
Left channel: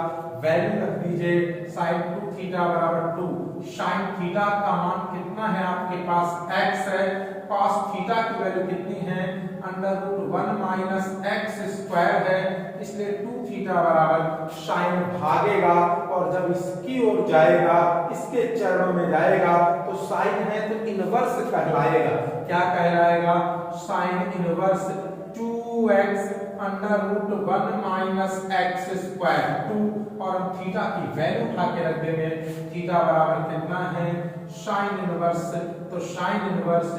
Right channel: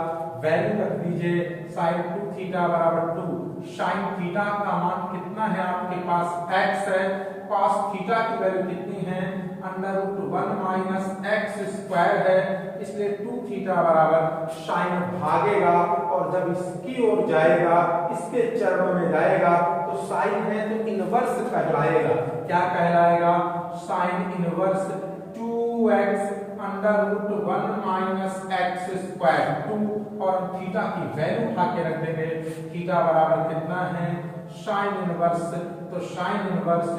Value रख दीजिए sin2 थीटा बराबर 2 sin थीटा का मान कितना है आपके पास x है, cos थीटा की वैल्यू कितनी है √1 - x² है, इसलिए 2 थीटा बराबर साइन भागेगा और जब इसकी ओर जाएगा, इसके चरणों में जाएगा तो साइन है तो इनवर्स कहलाएगा। क्या कहलाएगा साइन इनवर्स 2x √1 - x²। 2 और हम थीटा की वैल्यू उठा के रख देंगे, थीटा बराबर कितना है साइन इनवर्स, तो साइन इनवर्स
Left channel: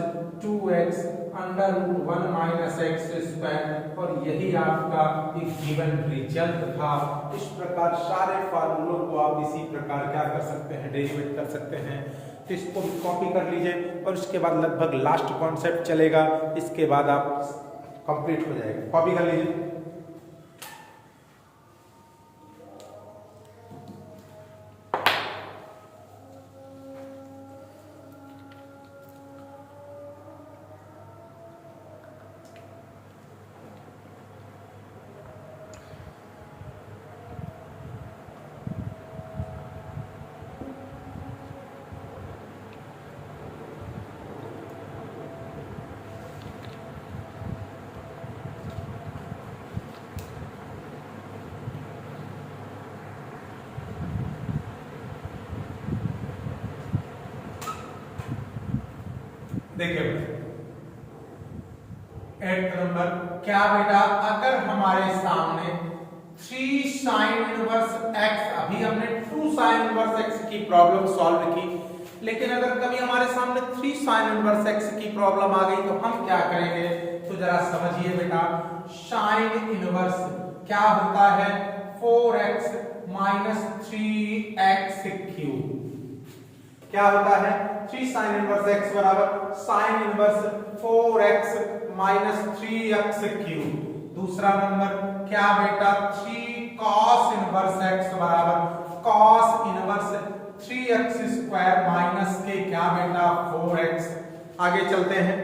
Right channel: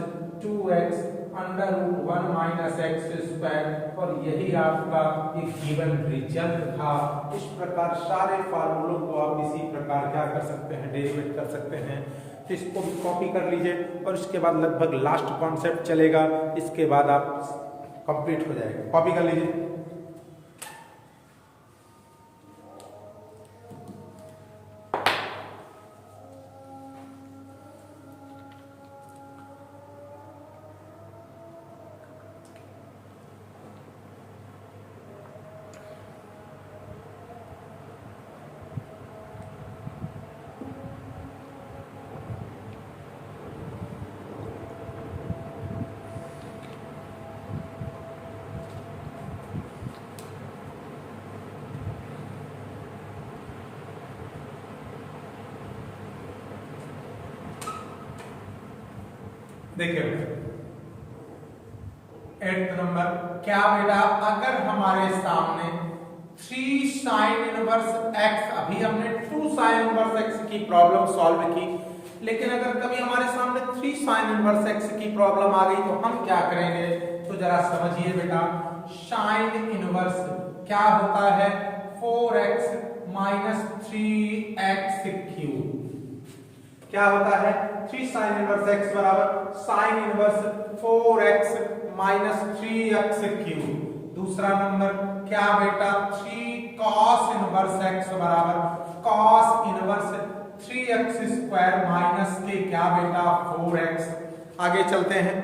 2x √1 - x²। और यही आपका एक गिवन रिजल्ट था। इस प्रकार सारे फार्मूलों को आप इसी प्रकार क्या कर सकते हैं, डेरिवेट कर सकते हैं। तो इसको भी कॉपी कर लीजिए और इसके बाद लगभग लास्ट कॉन्सेप्ट चलेगा, इसके बाद आप कंप्लीट हो जाएगा। कॉपी कर लीजिए। देखिए 8th नंबर, क्या बेटा अगर हमारे सामने 3 sin इनवर्स x, अभी हमने 2 sin इनवर्स x की प्रॉब्लम सॉल्व की, लेकिन अगर कभी हमारे सामने 3 sin इनवर्स x की प्रॉब्लम आ गई तो हम क्या करेंगे, तो जरा समझिए बेटा। sin इनवर्स क्या होता है 4x - 3x³। क्या होता है 3 sin इनवर्स x बराबर sin इनवर्स 4x - 3x³। दूसरा नंबर क्या बेटा 3 cos इनवर्स x बराबर cos इनवर्स 3x² माइनस के क्या बेटा 4x। आगे चलते हैं,